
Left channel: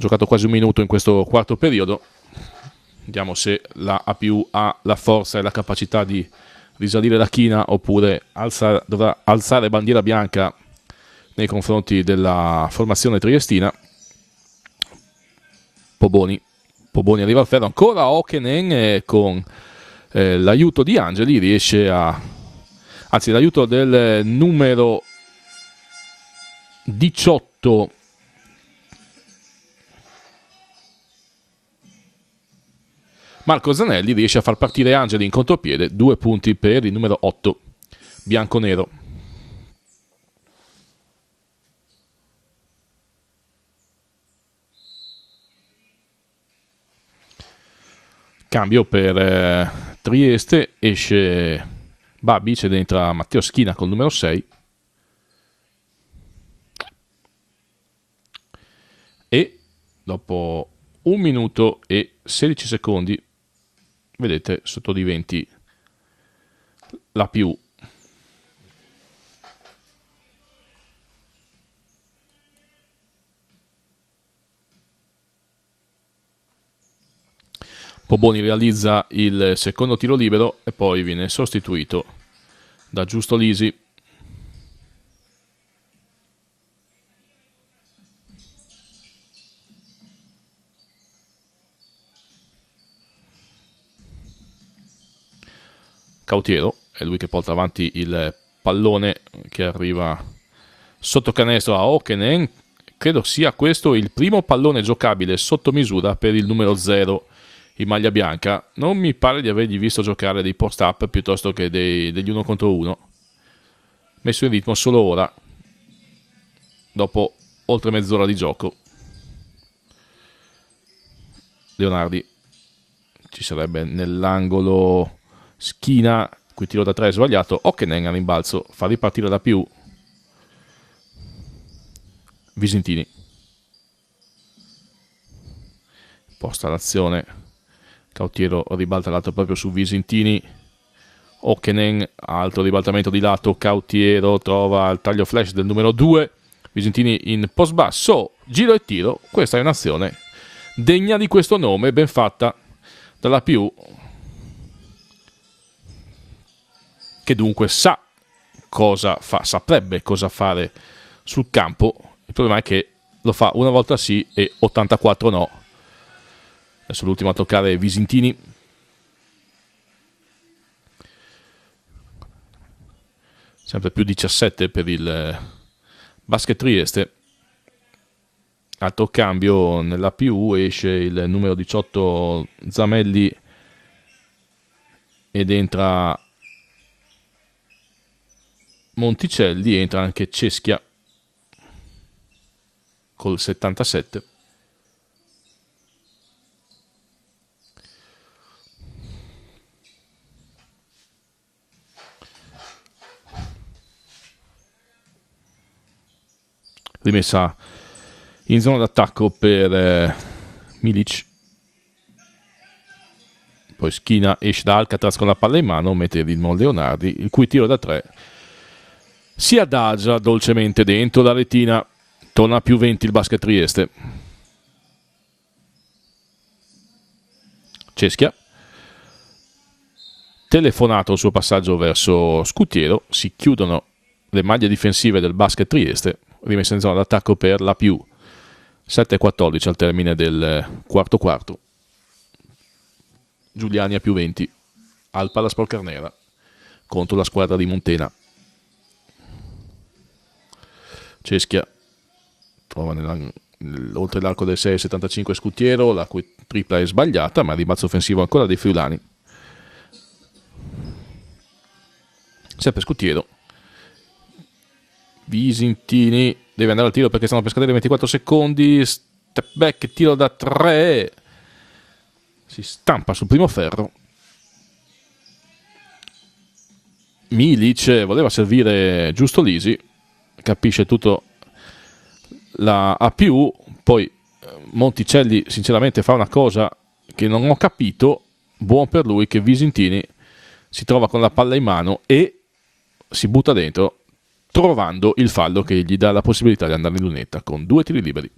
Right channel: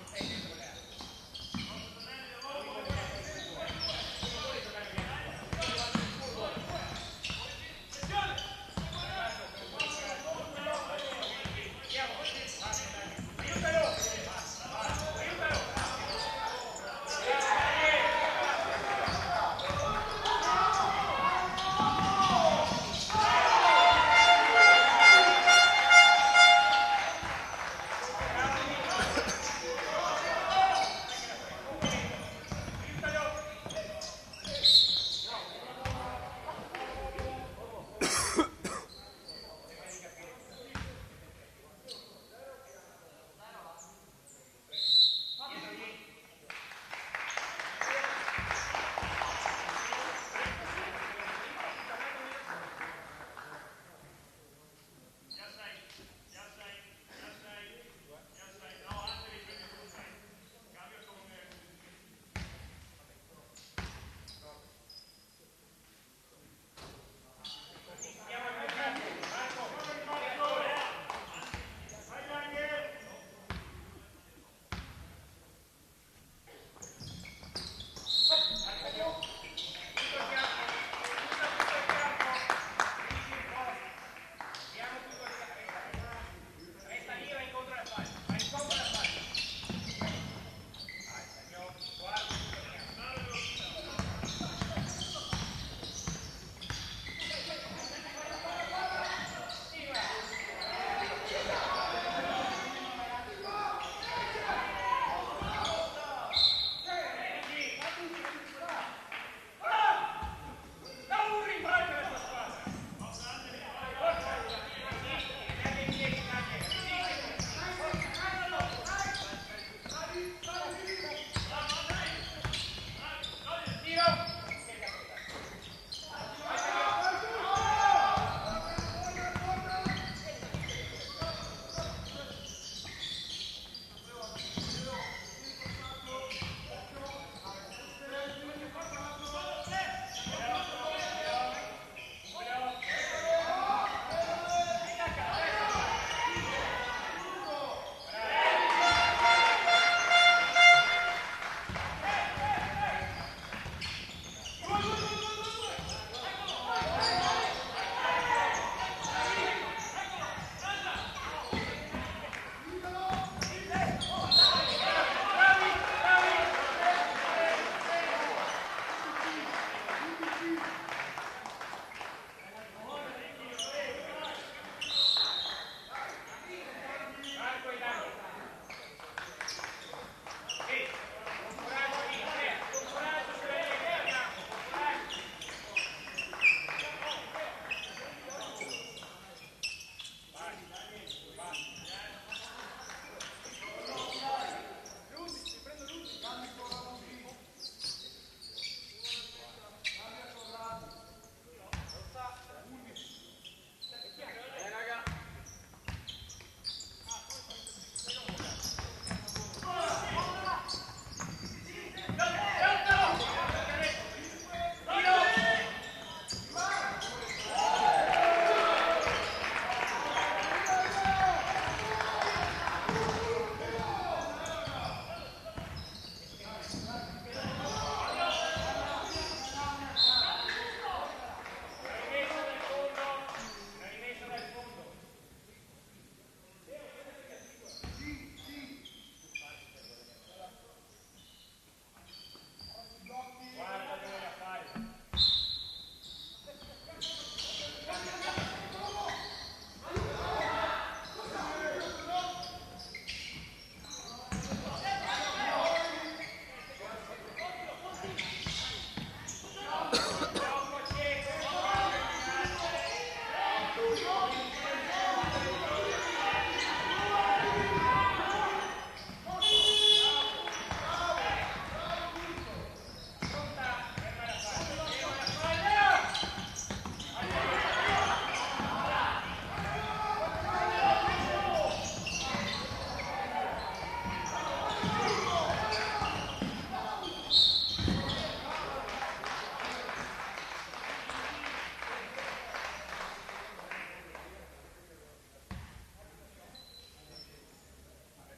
Giocato quasi un minuto in questo quarto periodo. Vediamo se la APU ha la forza e la capacità di risalire la china oppure dovrà alzare bandiera bianca nei confronti della formazione triestina. Poboni arriva al ferro, ancora Okenen, con l'aiuto di Angeli riesce anzi l'aiuto del numero 18 Marco Zanelli, riesce a far partire Angeli in contropiede. 2 punti per il numero 8 bianconero. Cambio per Trieste, esce Babic ed entra Matteo Schina col numero 6. E dopo 1 minuto e 16 secondi, vedete sotto di 20 la più. Poboni realizza il secondo tiro libero e poi viene sostituito da Giusto Lisi. Cautiero è lui che porta avanti il pallone che arriva sotto canestro a Okenen. Credo sia questo il primo pallone giocabile sotto misura per il numero 0 in maglia bianca. Non mi pare di avergli visto giocare dei post-up piuttosto che degli 1 contro 1. Messo in ritmo solo ora, dopo oltre mezz'ora di gioco. Leonardi ci sarebbe nell'angolo Schina, qui tiro da 3 sbagliato. Okenen a rimbalzo fa ripartire da più Visentini. Posta l'azione, Cautiero ribalta lato proprio su Visentini. Okenen, altro ribaltamento di lato, Cautiero trova il taglio flash del numero 2. Visentini in post basso, giro e tiro. Questa è un'azione degna di questo nome, ben fatta dalla più, che dunque sa cosa fa, saprebbe cosa fare sul campo. Il problema è che lo fa una volta sì e 84 no. Adesso l'ultimo a toccare è Visentini. Sempre più 17 per il Basket Trieste. Altro cambio nella PU, esce il numero 18 Zamelli ed entra Monticelli, entra anche Ceschia col 77. Rimessa in zona d'attacco per Milic. Poi Schina esce da Alcatraz con la palla in mano, mette il ritmo Leonardi, il cui tiro da 3 si adagia dolcemente dentro la retina. Torna a più 20 il Basket Trieste. Ceschia, telefonato il suo passaggio verso Scutiero, si chiudono le maglie difensive del Basket Trieste. Rimessa in zona d'attacco per la più. 7-14 al termine del quarto quarto. Giuliani a più 20 al Palasport Carnera contro la squadra di Montena. Ceschia trova oltre l'arco del 6-75 Scutiero, la cui tripla è sbagliata, ma il rimbalzo offensivo ancora dei friulani. Sempre Scutiero. Visentini deve andare al tiro perché stanno per scadere 24 secondi. Step back, tiro da 3. Si stampa sul primo ferro. Milic voleva servire Giusto Lisi, capisce tutto la APU. Poi Monticelli sinceramente fa una cosa che non ho capito. Buon per lui che Visentini si trova con la palla in mano e si butta dentro, trovando il fallo che gli dà la possibilità di andare in lunetta con 2 tiri liberi.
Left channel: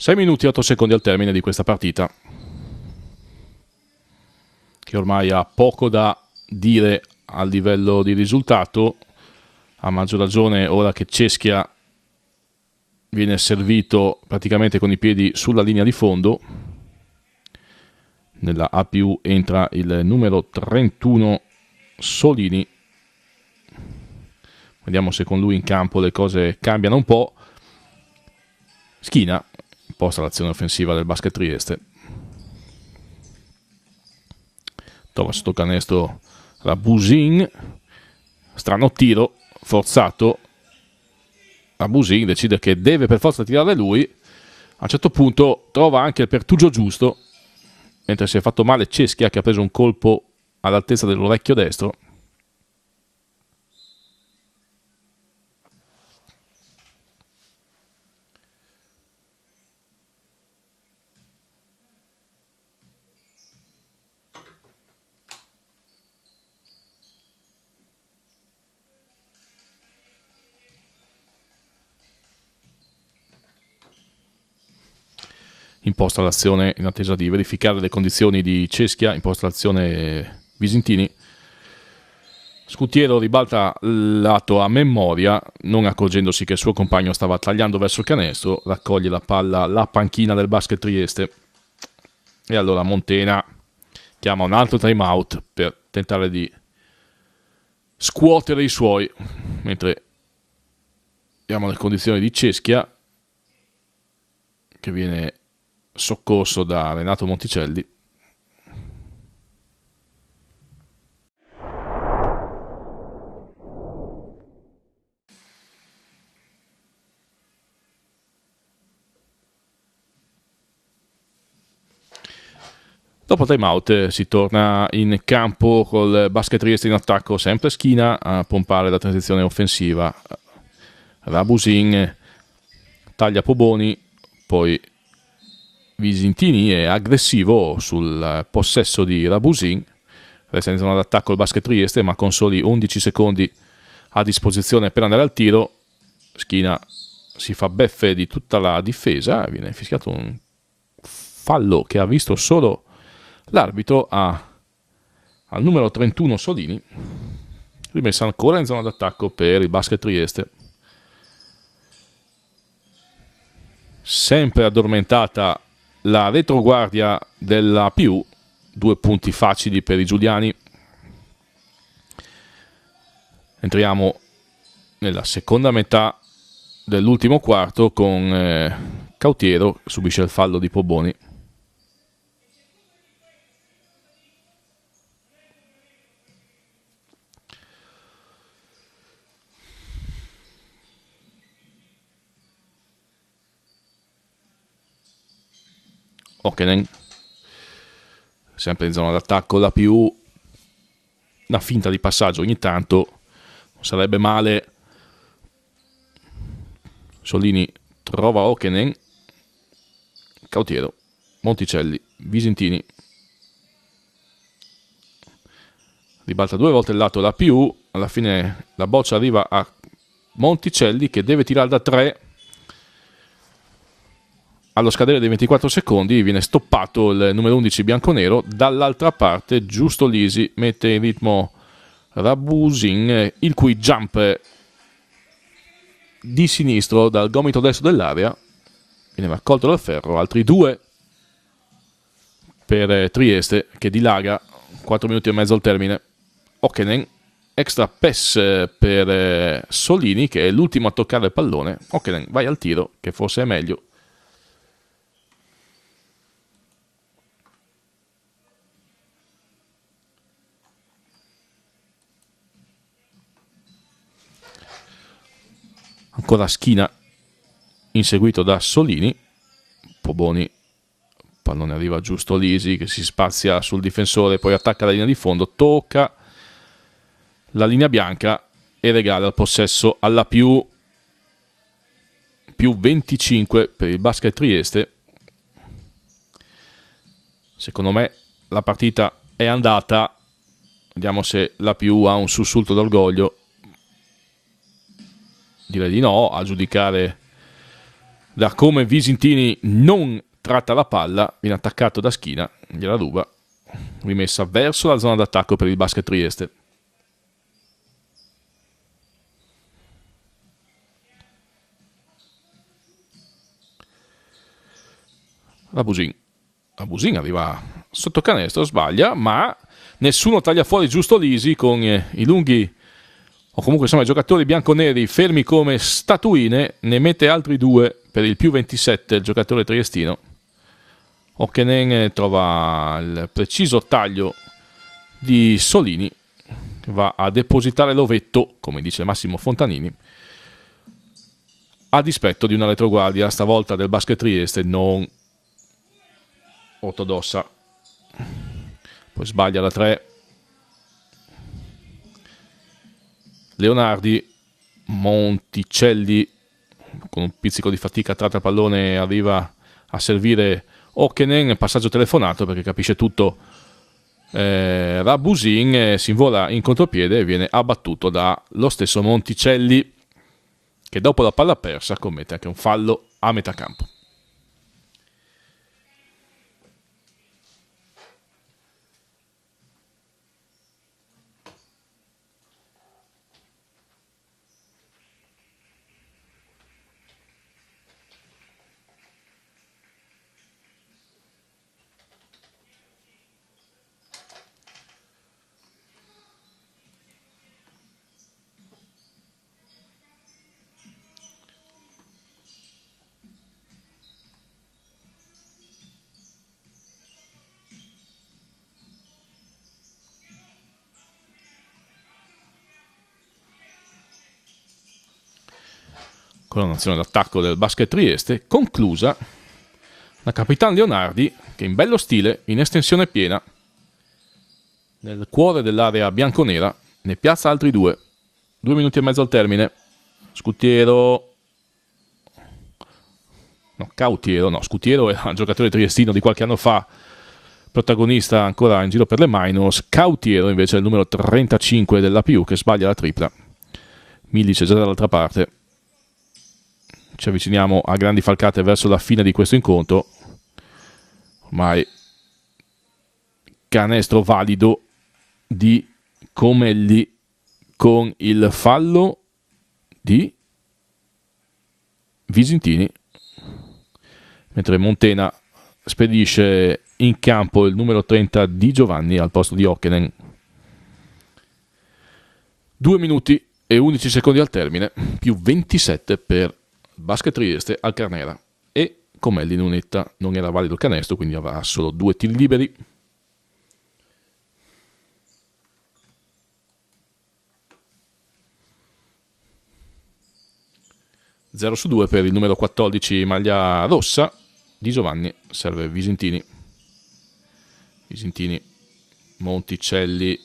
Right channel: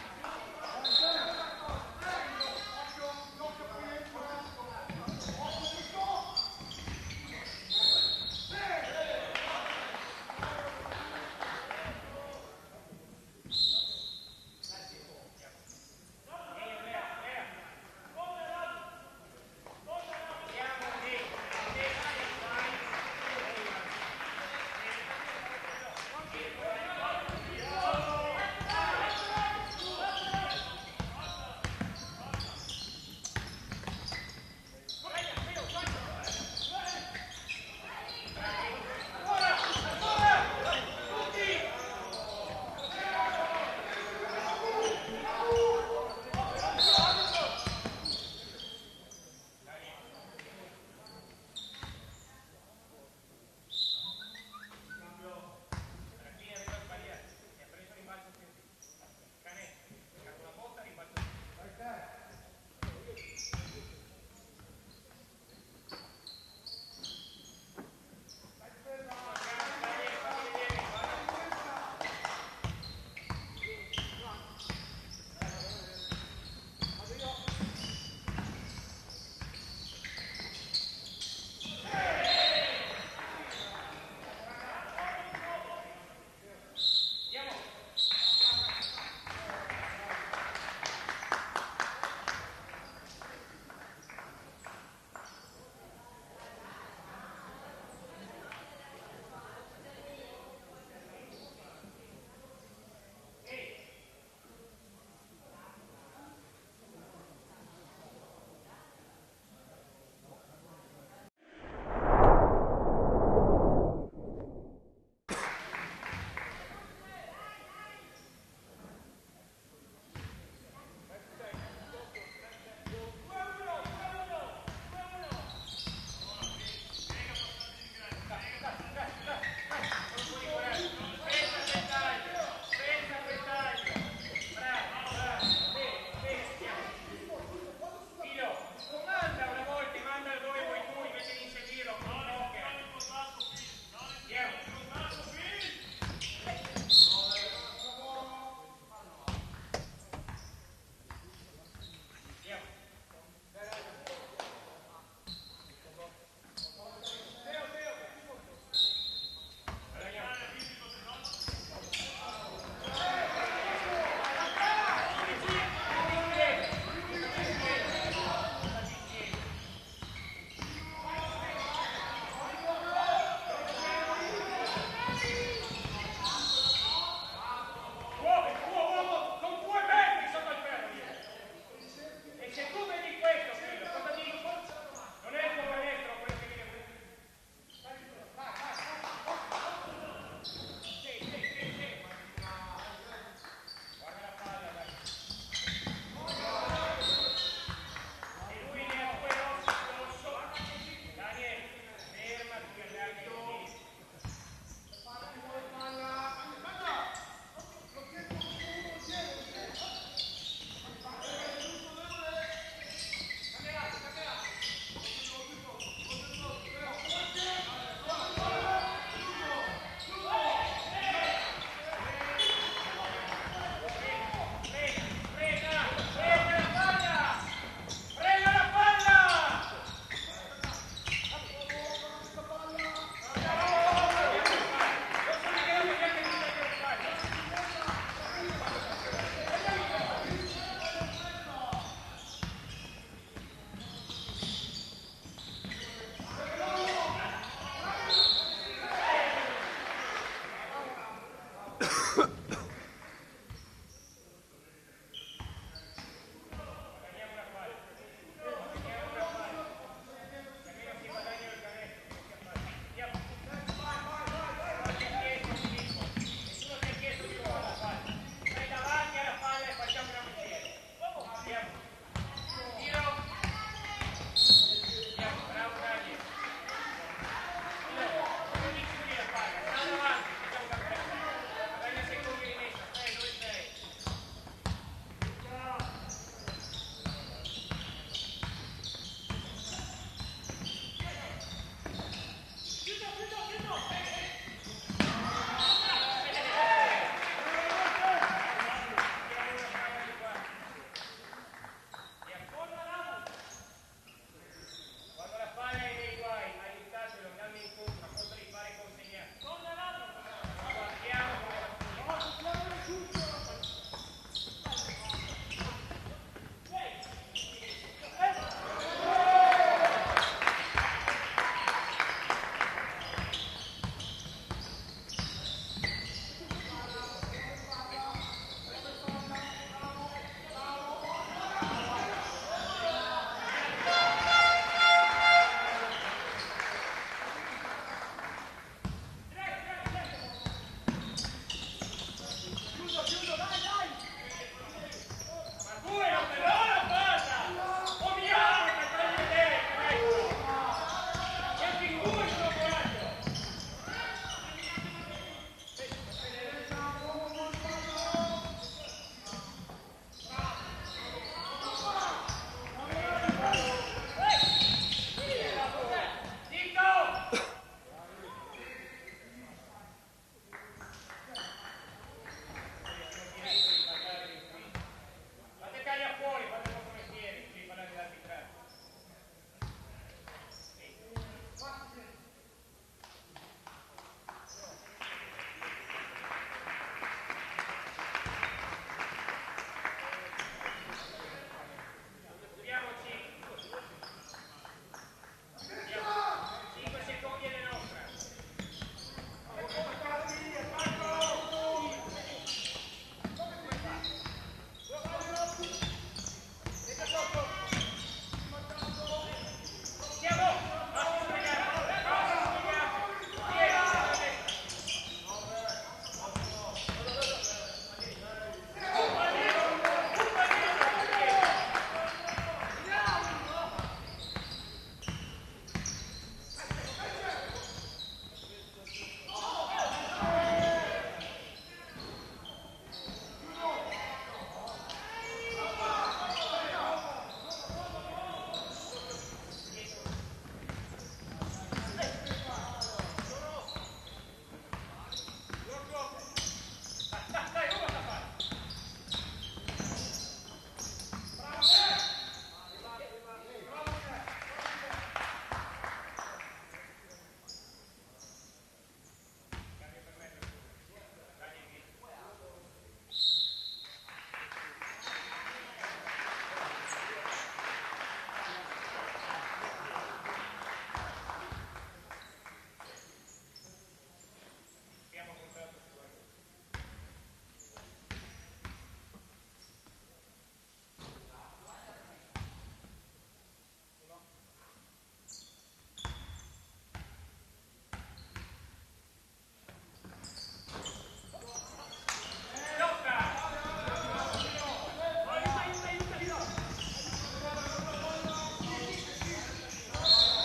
6 minuti e 8 secondi al termine di questa partita, che ormai ha poco da dire al livello di risultato, a maggior ragione ora che Ceschia viene servito praticamente con i piedi sulla linea di fondo. Nella A+ entra il numero 31 Solini. Vediamo se con lui in campo le cose cambiano un po'. Schina posta l'azione offensiva del Basket Trieste. Trova sotto canestro Rabusin. Strano tiro forzato. Rabusin decide che deve per forza tirare lui. A un certo punto trova anche il pertugio giusto, mentre si è fatto male Ceschia, che ha preso un colpo all'altezza dell'orecchio destro. Imposta l'azione in attesa di verificare le condizioni di Ceschia. Imposta l'azione Visentini. Scutiero ribalta lato a memoria, non accorgendosi che il suo compagno stava tagliando verso il canestro. Raccoglie la palla la panchina del Basket Trieste. E allora Montena chiama un altro time out per tentare di scuotere i suoi, mentre vediamo le condizioni di Ceschia, che viene soccorso da Renato Monticelli. Dopo time out si torna in campo col Basket Trieste in attacco, sempre Schina a pompare la transizione offensiva. Rabusin taglia Poboni, poi Visentini è aggressivo sul possesso di Rabusin. Resta in zona d'attacco il Basket Trieste, ma con soli 11 secondi a disposizione per andare al tiro. Schina si fa beffe di tutta la difesa, viene fischiato un fallo che ha visto solo l'arbitro al numero 31 Solini. Rimessa ancora in zona d'attacco per il Basket Trieste. Sempre addormentata la retroguardia della più. 2 punti facili per i giuliani. Entriamo nella seconda metà dell'ultimo quarto con Cautiero che subisce il fallo di Poboni. Okenen sempre in zona d'attacco, la più una finta di passaggio ogni tanto sarebbe male. Solini trova Okenen, Cautiero, Monticelli, Visentini, ribalta 2 volte il lato la più, alla fine la boccia arriva a Monticelli che deve tirare da 3. Allo scadere dei 24 secondi viene stoppato il numero 11 bianconero. Dall'altra parte Giusto Lisi mette in ritmo Rabusin, il cui jump di sinistro dal gomito destro dell'area viene raccolto dal ferro. Altri 2 per Trieste che dilaga. 4 minuti e mezzo al termine. Okenen, extra pass per Solini che è l'ultimo a toccare il pallone. Okenen vai al tiro, che forse è meglio. Ancora Schina inseguito da Solini. Poboni, pallone arriva Giusto Lisi che si spazia sul difensore, poi attacca la linea di fondo, tocca la linea bianca e regala il possesso alla più 25 per il Basket Trieste. Secondo me la partita è andata, vediamo se la più ha un sussulto d'orgoglio. Direi di no, a giudicare Da come Visintini non tratta la palla, viene attaccato da Schina, gliela ruba, rimessa verso la zona d'attacco per il Basket Trieste. Abusin arriva sotto canestro, sbaglia, ma nessuno taglia fuori giusto Lisi con i lunghi, o comunque insomma i giocatori bianconeri fermi come statuine. Ne mette altri 2 per il più 27 il giocatore triestino. Okkenen trova il preciso taglio di Solini, va a depositare l'ovetto, come dice Massimo Fontanini, a dispetto di una retroguardia stavolta del Basket Trieste non ortodossa. Sbaglia da 3 Leonardi. Monticelli con un pizzico di fatica tratta il pallone, arriva a servire Okkenen, passaggio telefonato perché capisce tutto Rabusin, si invola in contropiede e viene abbattuto dallo stesso Monticelli, che dopo la palla persa commette anche un fallo a metà campo. Con l'azione d'attacco del Basket Trieste conclusa da Capitan Leonardi, che in bello stile, in estensione piena, nel cuore dell'area bianconera, ne piazza altri 2. 2 minuti e mezzo al termine. Scutiero, Scutiero era un giocatore triestino di qualche anno fa, protagonista ancora in giro per le minors. Cautiero invece è il numero 35 dell'APU, che sbaglia la tripla. Milic è già dall'altra parte. Ci avviciniamo a grandi falcate verso la fine di questo incontro. Mai canestro valido di Comelli con il fallo di Visintini, mentre Montena spedisce in campo il numero 30 di Giovanni al posto di Okkenen. 2 minuti e 11 secondi al termine, più 27 per Basket Trieste al Carnera, e Comelli non era valido il canestro, quindi avrà solo 2 tiri liberi. Zero su 2 per il numero 14 maglia rossa di Giovanni. Serve Visintini. Monticelli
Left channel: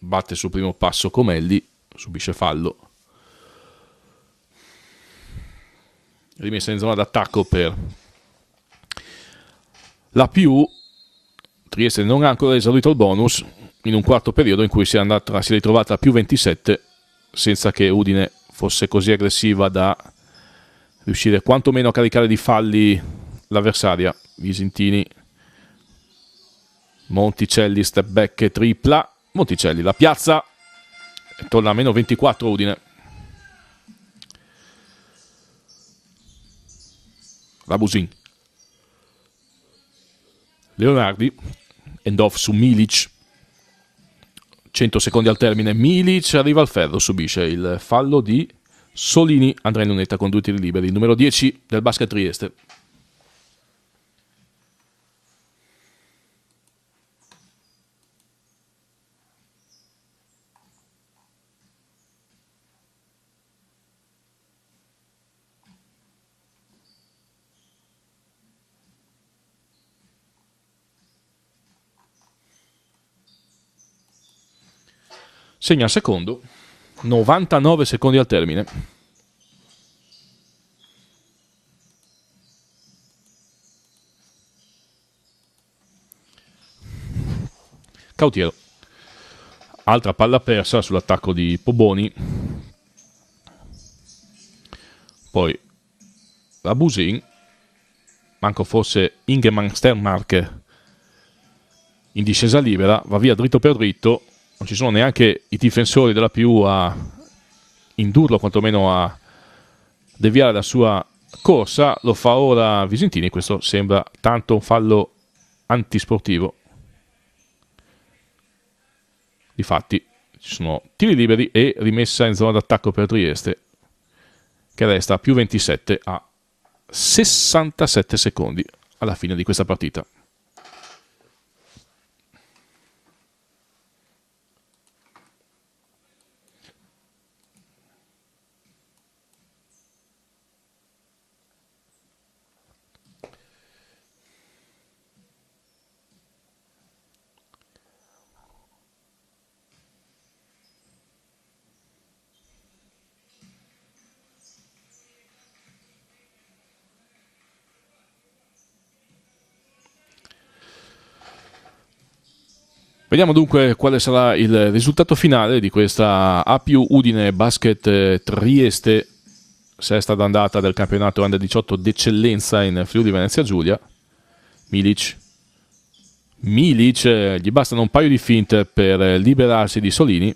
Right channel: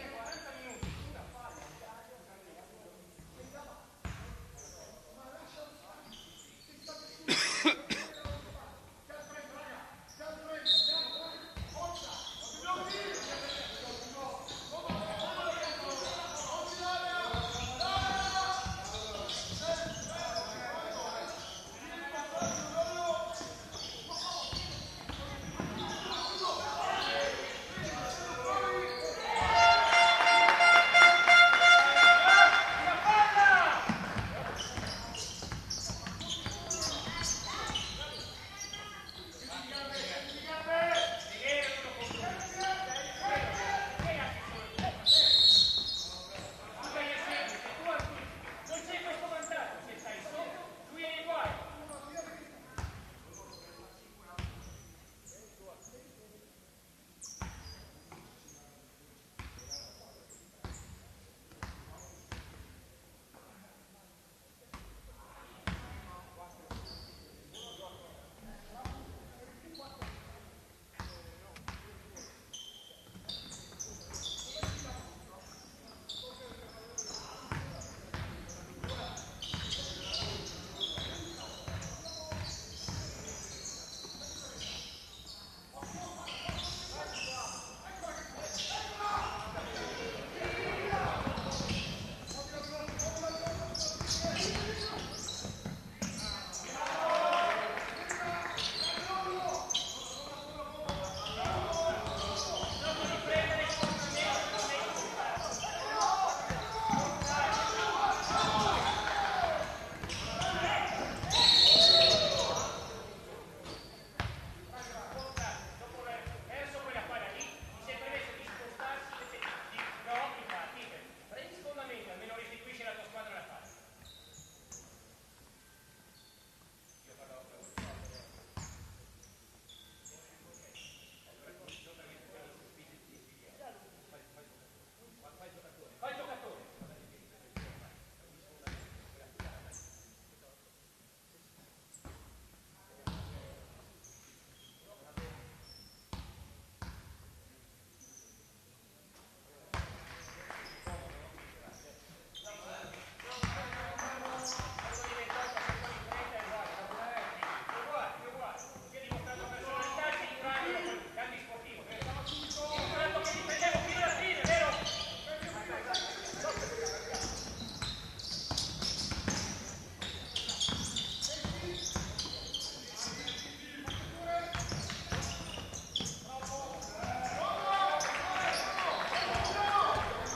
batte sul primo passo Comelli, subisce fallo. Rimessa in zona d'attacco per la PU. Trieste non ha ancora esaurito il bonus in un quarto periodo in cui si è ritrovata a più 27 senza che Udine fosse così aggressiva da riuscire quantomeno a caricare di falli l'avversaria. Visintini, Monticelli, step back e tripla. Monticelli la piazza, torna a meno 24 Udine. Rabusin, Leonardi, end off su Milic. 100 secondi al termine. Milic arriva al ferro, subisce il fallo di Solini. Andrea Lunetta con 2 tiri liberi, numero 10 del Basket Trieste. Segna il secondo, 99 secondi al termine. Cautiero, altra palla persa sull'attacco di Poboni. Poi Rabusin, manco fosse Ingemann Sternmark in discesa libera, va via dritto per dritto, non ci sono neanche i difensori della PU a indurlo, quantomeno a deviare la sua corsa. Lo fa ora Visentini, questo sembra tanto un fallo antisportivo. Difatti ci sono tiri liberi e rimessa in zona d'attacco per Trieste, che resta a più 27 a 67 secondi alla fine di questa partita. Vediamo dunque quale sarà il risultato finale di questa APU Udine Basket Trieste, sesta d'andata del campionato Under 18 d'eccellenza in Friuli Venezia Giulia. Milic, gli bastano un paio di finte per liberarsi di Solini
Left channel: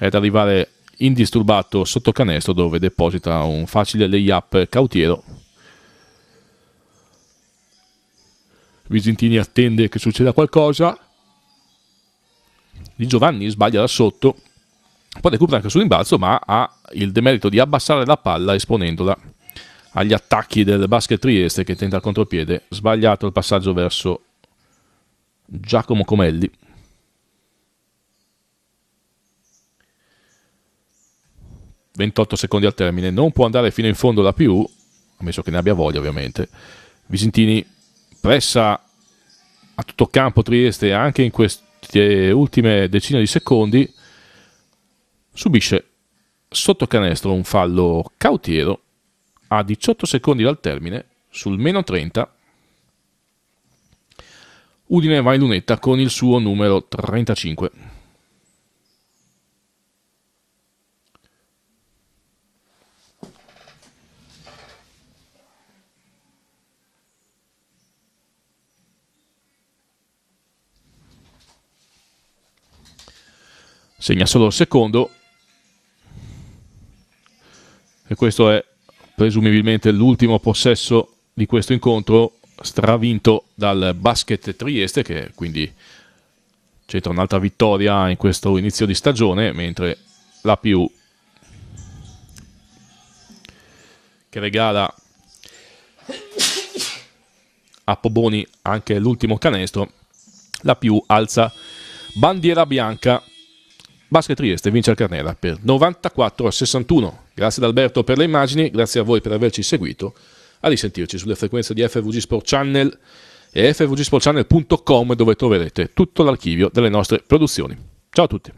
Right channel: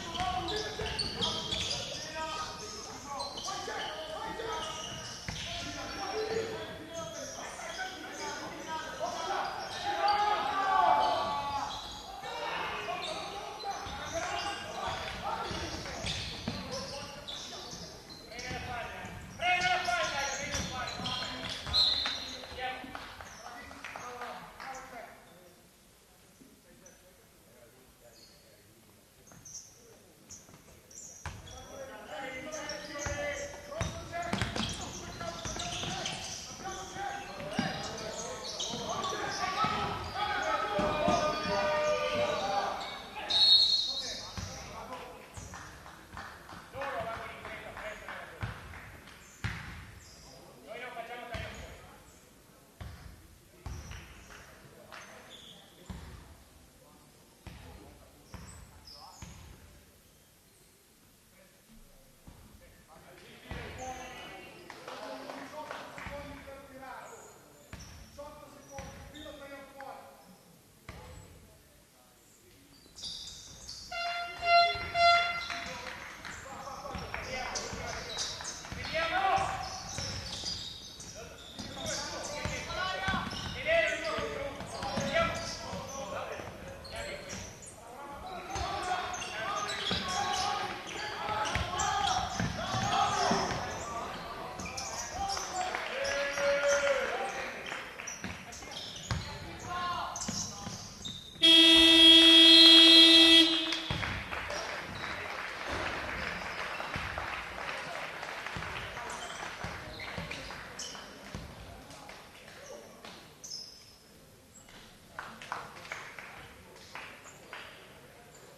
ed arrivare indisturbato sotto canestro, dove deposita un facile layup Cautiero. Visentini attende che succeda qualcosa. Di Giovanni sbaglia da sotto, poi recupera anche sul rimbalzo, ma ha il demerito di abbassare la palla esponendola agli attacchi del Basket Trieste, che tenta il contropiede. Sbagliato il passaggio verso Giacomo Comelli. ...28 secondi al termine, non può andare fino in fondo la PU, ammesso che ne abbia voglia ovviamente. Visentini pressa a tutto campo Trieste anche in queste ultime decine di secondi, subisce sotto canestro un fallo Cautiero a 18 secondi dal termine sul meno 30. Udine va in lunetta con il suo numero 35. Segna solo il secondo e questo è presumibilmente l'ultimo possesso di questo incontro, stravinto dal Basket Trieste, che quindi cerca un'altra vittoria in questo inizio di stagione, mentre la PU, che regala a Poboni anche l'ultimo canestro, la PU alza bandiera bianca. Basket Trieste vince il Carnera per 94-61. Grazie ad Alberto per le immagini, grazie a voi per averci seguito. A risentirci sulle frequenze di FVG Sport Channel e fvgsportchannel.com, dove troverete tutto l'archivio delle nostre produzioni. Ciao a tutti.